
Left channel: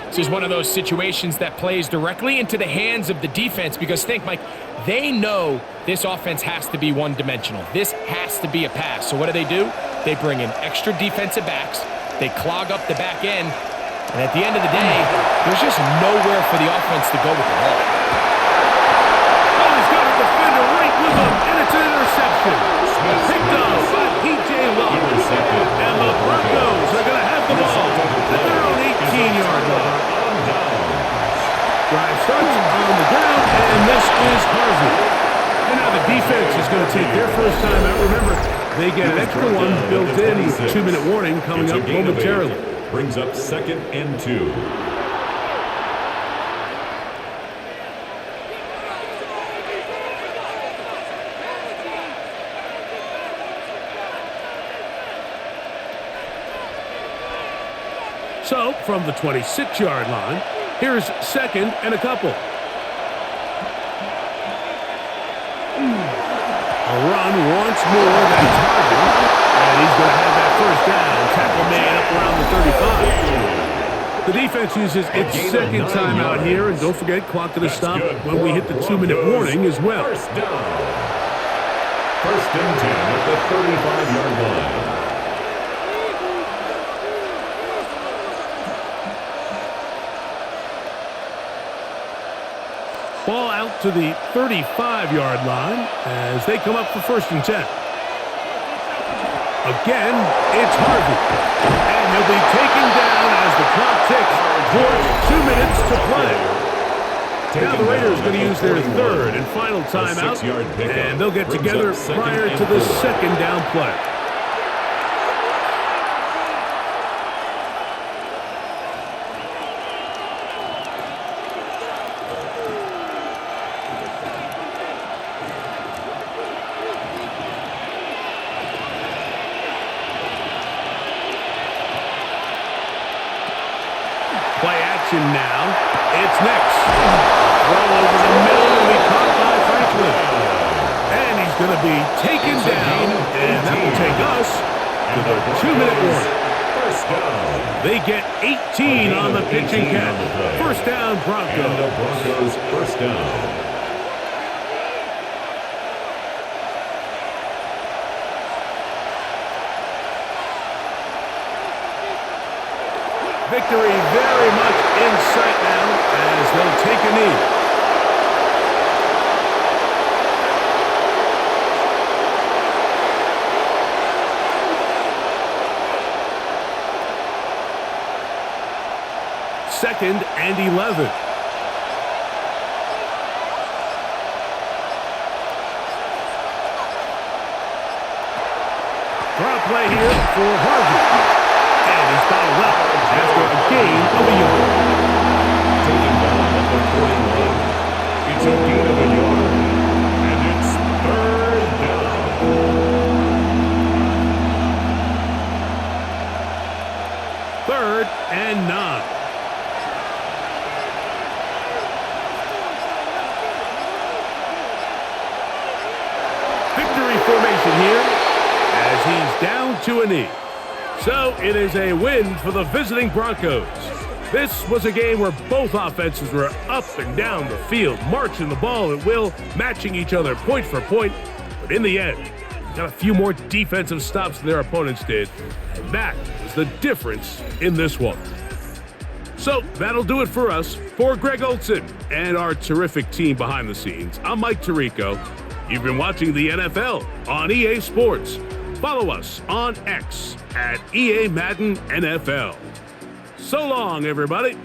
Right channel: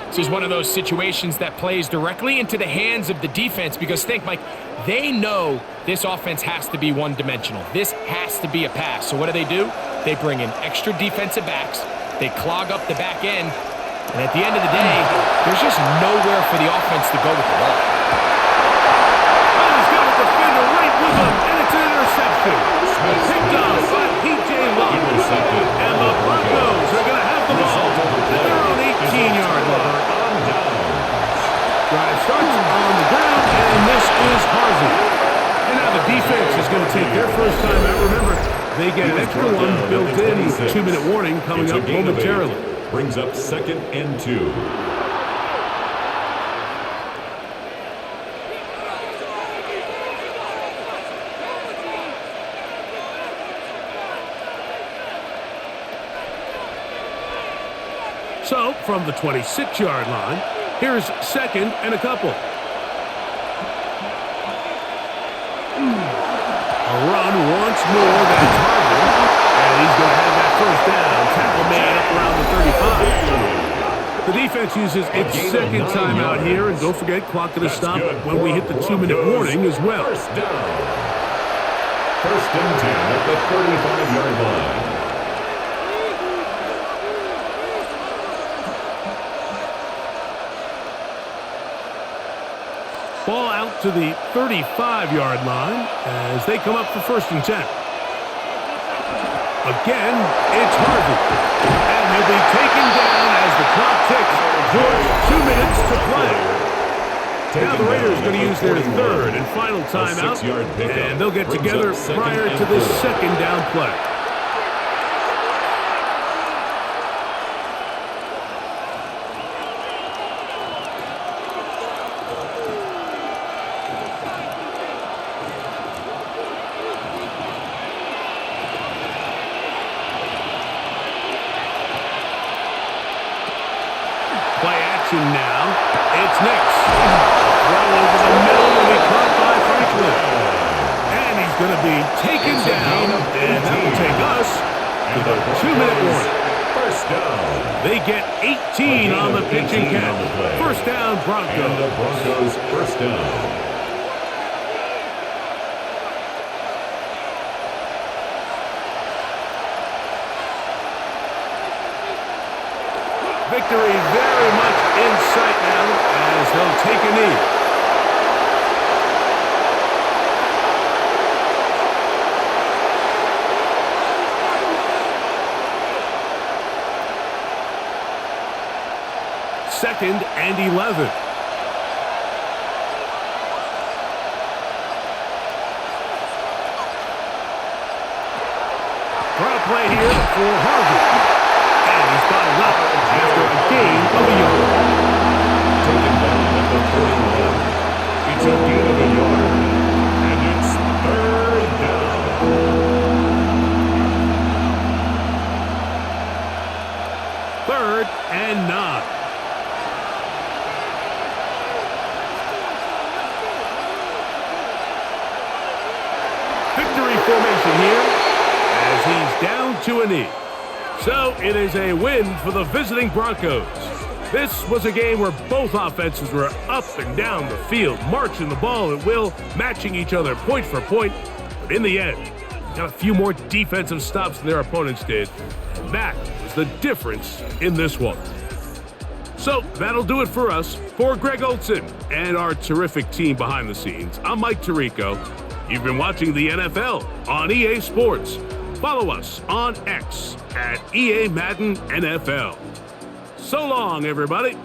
This is one of those situations that plays directly into the hands of the defense because think, Mike, they know this offense has to be one-dimensional. This has to be a pass. So what do? They bring in extra defensive backs. They clog up the back end. And at the end of the day, there's just nowhere for the offense to go with the ball. Oh, he's got a defender right with him, and it's an interception. Picked off by P.J. Locke. And the Broncos are going to have the ball at their own 18-yard line. Drive starts on the ground, and this is Harvey. And now the defense is going to take their first time out. Remember, they get an extra one built in with 2-minute warning coming up momentarily. Brings up 2nd and 2. So, from the 26-yard line, here's 2nd and a couple. A run once more, that's Harvey. And he's going to have that 1st down. Tackle made up around the 35. The defense uses its 2nd timeout here. And don't forget, clock going to stop when we hit the 2-minute warning as well. 1st down. 1st and 10 at the 35-yard line. Ball out to the 35-yard line as they come up for 1st and 10. Again, it's Harvey. And he'll be taken down as the clock ticks towards 2 minutes to play. Now the Raiders are going to use their third and final timeout, and they'll get together prior to this second down play. Play action now. It's Nix. A throw over the middle will be caught by Franklin. And he's going to be taken down, and that will take us to the 2-minute warning. First down. They get 18 on the pitch and catch. First down, Broncos. And the Broncos first down. Victory very much in sight now as they'll take a knee. Second and 11. Draw play here for Harvey. And he's bottled up after a gain of a yard. Taken down at the 41. It's a gain of a yard. And it's third down. Third and 9. Victory formation here as he's down to a knee. So it is a win for the visiting Broncos. This was a game where both offenses were up and down the field, marching the ball at will, matching each other point for point. But in the end, got a few more defensive stops than their opponents did, and that was the difference in this one. So that'll do it for us. For Greg Olson and our terrific team behind the scenes, I'm Mike Tirico. You've been watching the NFL on EA Sports. Follow us on X at EA Madden NFL. So long, everybody.